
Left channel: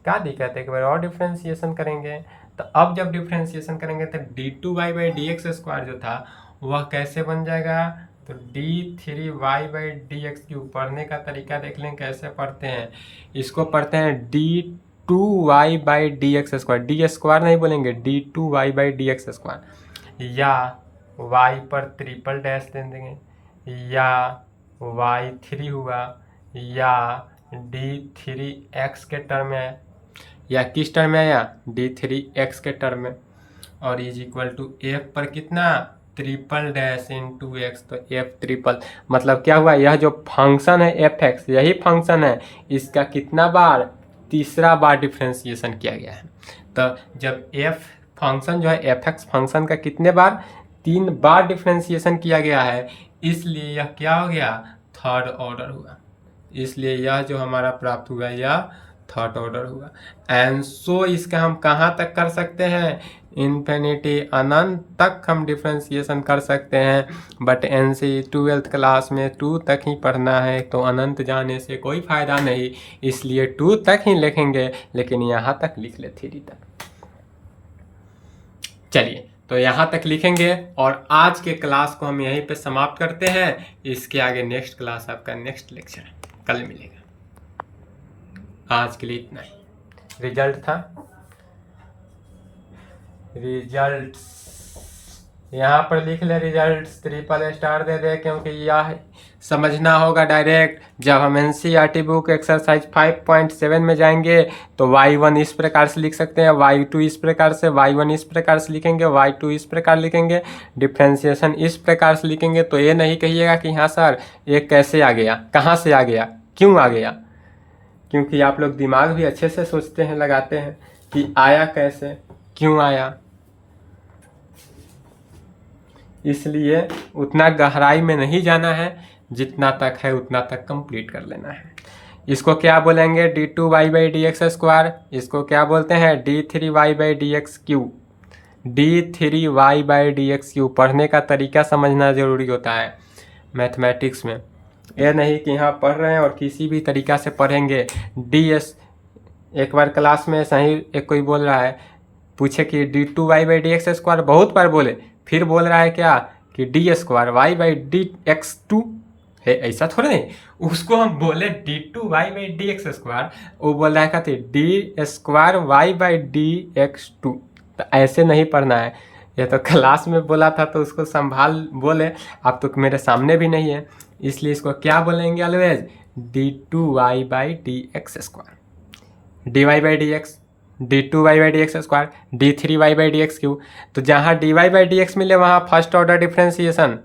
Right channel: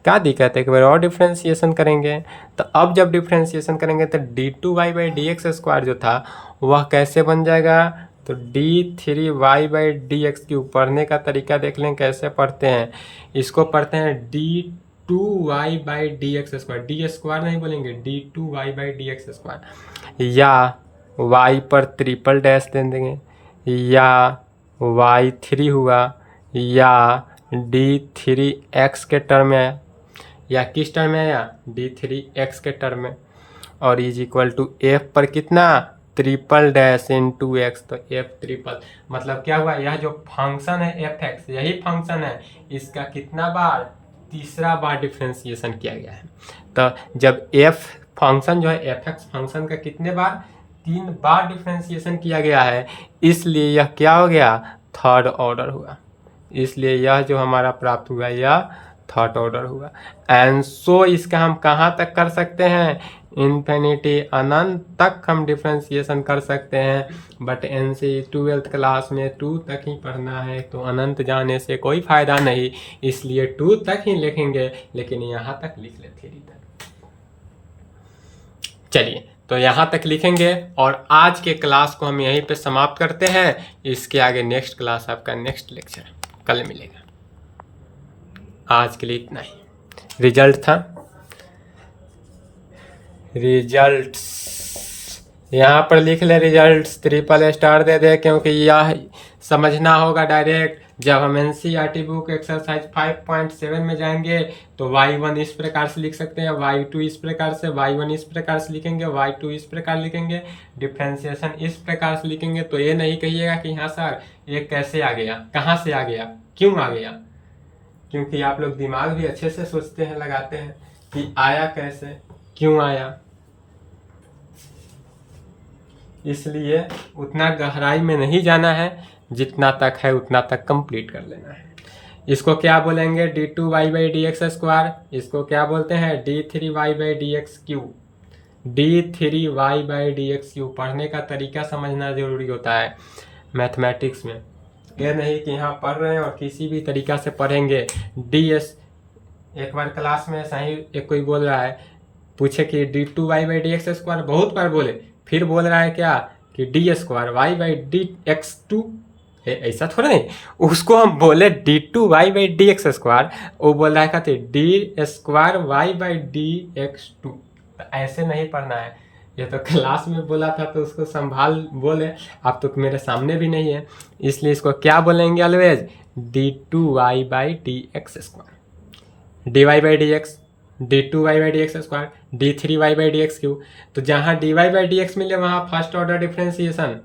क्या दिक्कत है, एक बार और डिफ्रेंशिएशन करेंगे। तो अब जब डिफ्रेंशिएशन करेंगे तो d2y/dx² जो था वह कैसे बन जाएगा, तो d3y/dx3। पढ़ने का तरीका देख लें कैसे पढ़ते हैं, इसको पढ़ते हैं d2y/dx², डी स्क्वायर नहीं बोलेंगे, d2y/dx², या y पर ट्रिपल डैश दे देंगे, या y3 हुआ, या d3x के टर्म में, या किस टर्म में आया, d3x के टर्म में। और इज इक्वल टू f पर कितना, ट्रिपल डैश इंटू एक्स, तो f ट्रिपल मतलब क्या हुआ, यह जो फंक्शन है fx, यही फंक्शन है, इसका कितना बार, तीसरा बार डिफ्रेंशिएशन किया गया है। तो जब f फंक्शन जो है fx फंक्शन का कितने बार, 3 बार डिफ्रेंशिएशन किया गया है, इसलिए यह क्या हो गया, थर्ड ऑर्डर हुआ। इसलिए यह जो हमारा प्राप्त हुआ यह थर्ड ऑर्डर हुआ। एंड सो इसका हम कहाँ तक कर सकते हैं, इन्फिनिटी, अनंत तक हम डिफ्रेंशिएशन कर सकते हैं। बट एनसी 12th क्लास में 2 तक ही पढ़ना है, तो अनंत जाने से कोई फ़ायदा नहीं, इसलिए 2 तक ही लिखेंगे, लेकिन यहाँ तक लिख ले 3 तक। चलिए तो यहाँ तक लिखेंगे और आज के क्लास को हम यहीं पे समाप्त करते हैं। इसके आगे नेक्स्ट क्लास आपका नेक्स्ट लेक्चर कल मिलेगा। आज के लिए इतना ही। रिजल्ट था, रिजल्ट्स यहाँ पर लिख ले, रिजल्ट्स ट्रिपल स्टार दे दे, क्योंकि यह समझना होगा डायरेक्ट। जब हम एनसीईआरटी बुक एक्सरसाइज 5.7 में जाएंगे तो y1 इस प्रकार से लिख सकते हैं, y2 इस प्रकार से, y1 इस प्रकार से लिखेंगे, y2 इस प्रकार लिखेंगे, डिफ्रेंशिएशन इस प्रकार से लिखेंगे। तो ये नहीं कहिएगा कि हाँ सर ये कैसे आ गया, कहाँ से आ गया, क्यों आ गया, क्योंकि आप लोग दिमाग भी अच्छे से सोचते हैं, लगाते हैं कि आया कैसे, क्यों आया। इसलिए उतना गहराई में नहीं जाना है, जितना तक है उतना तक कंप्लीट कर लेना है। इसको क्या बोलेंगे, d2y/dx², इसको क्या बोलते हैं, d3y/dx3, d3y/dx3। पढ़ने का तरीका समझना ज़रूरी होता है मैथमेटिक्स में। ये नहीं कि यहाँ पढ़ रहे हैं और किसी भी तरीका से पढ़ेंगे। एक बार क्लास में सही एक कोई बोल रहा है, पूछे कि d2y/dx², बहुत बार बोले, फिर बोल रहा है क्या कि d2y/dx2 है, ऐसा थोड़ा नहीं। उसको हम बोले d2y/dx², वो बोल रहा है कहते d2y/dx2। तो ऐसे नहीं पढ़ना है। ये तो क्लास में बोला था तो उसको संभाल बोले, आप तो मेरे सामने भी नहीं है, इसलिए इसको क्या बोलेंगे always, d2y/dx², dy/dx, d2y/dx², d3y/dx3। तो जहाँ dy/dx मिले वहाँ फर्स्ट ऑर्डर डिफ्रेंशिएशन,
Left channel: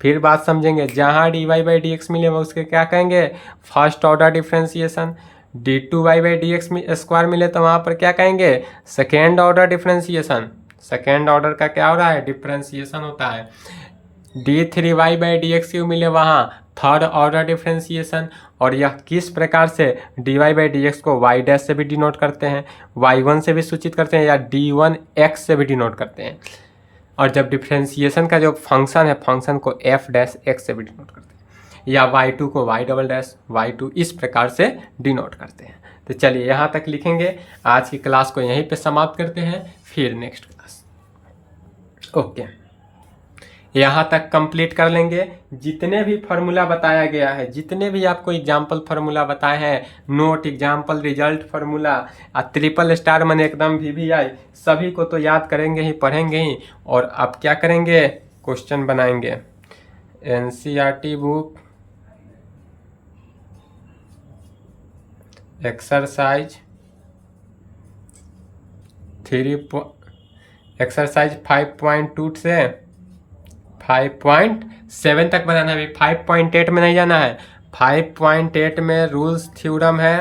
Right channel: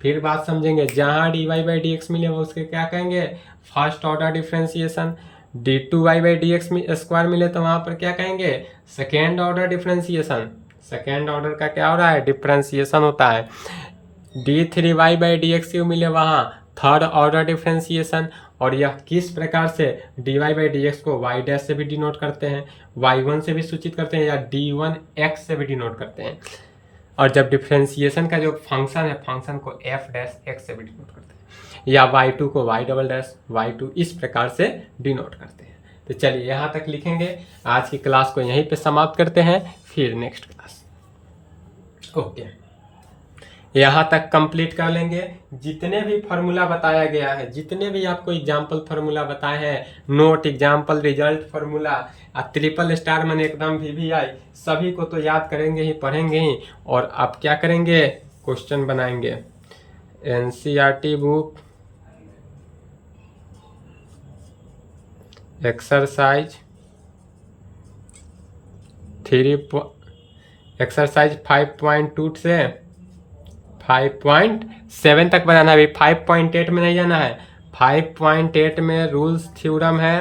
फिर बात समझेंगे, जहाँ dy/dx मिले वो उसके क्या कहेंगे, फर्स्ट ऑर्डर डिफ्रेंशिएशन। d2y/dx² मिले तो वहाँ पर क्या कहेंगे, second order differentiation. Second order का क्या हो रहा है, डिफ्रेंशिएशन होता है। d3y/dx3 मिले वहाँ थर्ड ऑर्डर डिफ्रेंशिएशन। और यह किस प्रकार से, dy/dx को y डैश से भी डिनोट करते हैं, y1 से भी सूचित करते हैं, या d1x से भी डिनोट करते हैं। और जब डिफ्रेंशिएशन का जो फंक्शन है, फंक्शन को f डैश x से भी डिनोट करते हैं, या y2 को y डबल डैश y2 इस प्रकार से डिनोट करते हैं। तो चलिए यहाँ तक लिखेंगे। आज की क्लास को यहीं पे समाप्त करते हैं, फिर नेक्स्ट क्लास। ओके, यहाँ तक कंप्लीट कर लेंगे। जितने भी फार्मूला बताया गया है, जितने भी आपको एग्जाम्पल फार्मूला बताए हैं, note, example, result formula, triple star मैंने एकदम VVI, सभी को तो याद करेंगे ही, पढ़ेंगे ही। और अब क्या करेंगे, क्वेश्चन बनाएंगे। एनसीईआरटी बुक एक्सरसाइज एक्सरसाइज 5.2 से 5.7 तक बनाना है। अभी 5.8 में नहीं जाना है। 5.8 में रूल्स थ्योरम है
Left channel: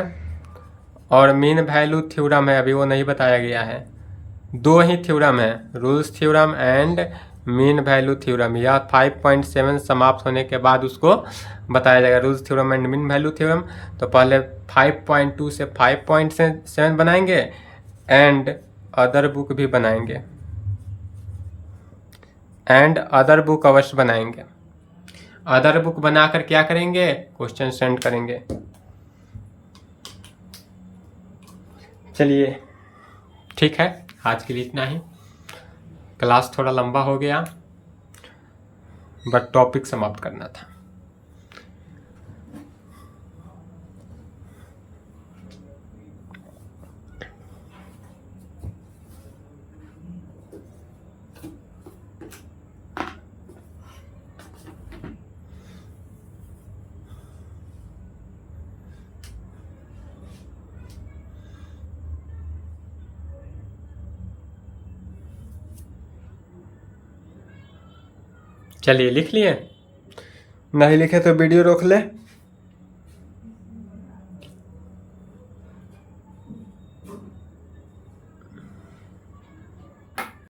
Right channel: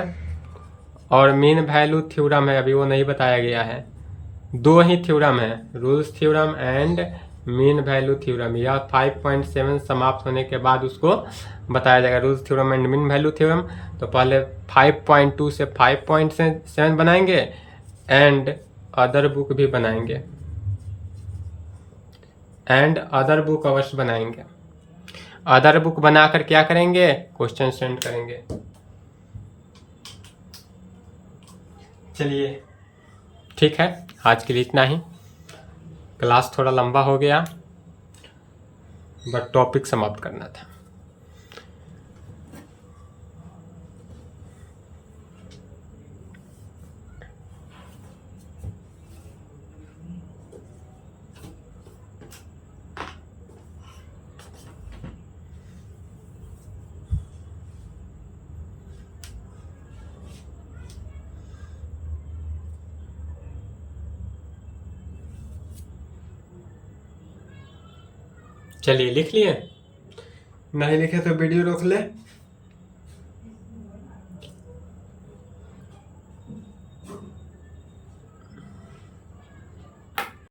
और मीन वैल्यू थ्योरम है, अभी वो नहीं बताया गया है। दो ही थ्योरम है, rules theorem and mean value theorem. यह 5.7 समाप्त होने के बाद उसको बताया जाएगा, rules theorem and mean value theorem. तो पहले 5.2 से 5.7 बनाएंगे एंड अदर बुक भी बनाएंगे, एंड अदर बुक अवश्य बनाएंगे। अदर बुक बनाकर क्या करेंगे, क्वेश्चन सेंड करेंगे। चलिए ठीक है, आज के लिए इतना ही। क्लास थोड़ा लंबा हो गया, बट टॉपिक समाप्त करना था। चलिए लिख लिए, नहीं लिखे तो वीडियो रोक ले।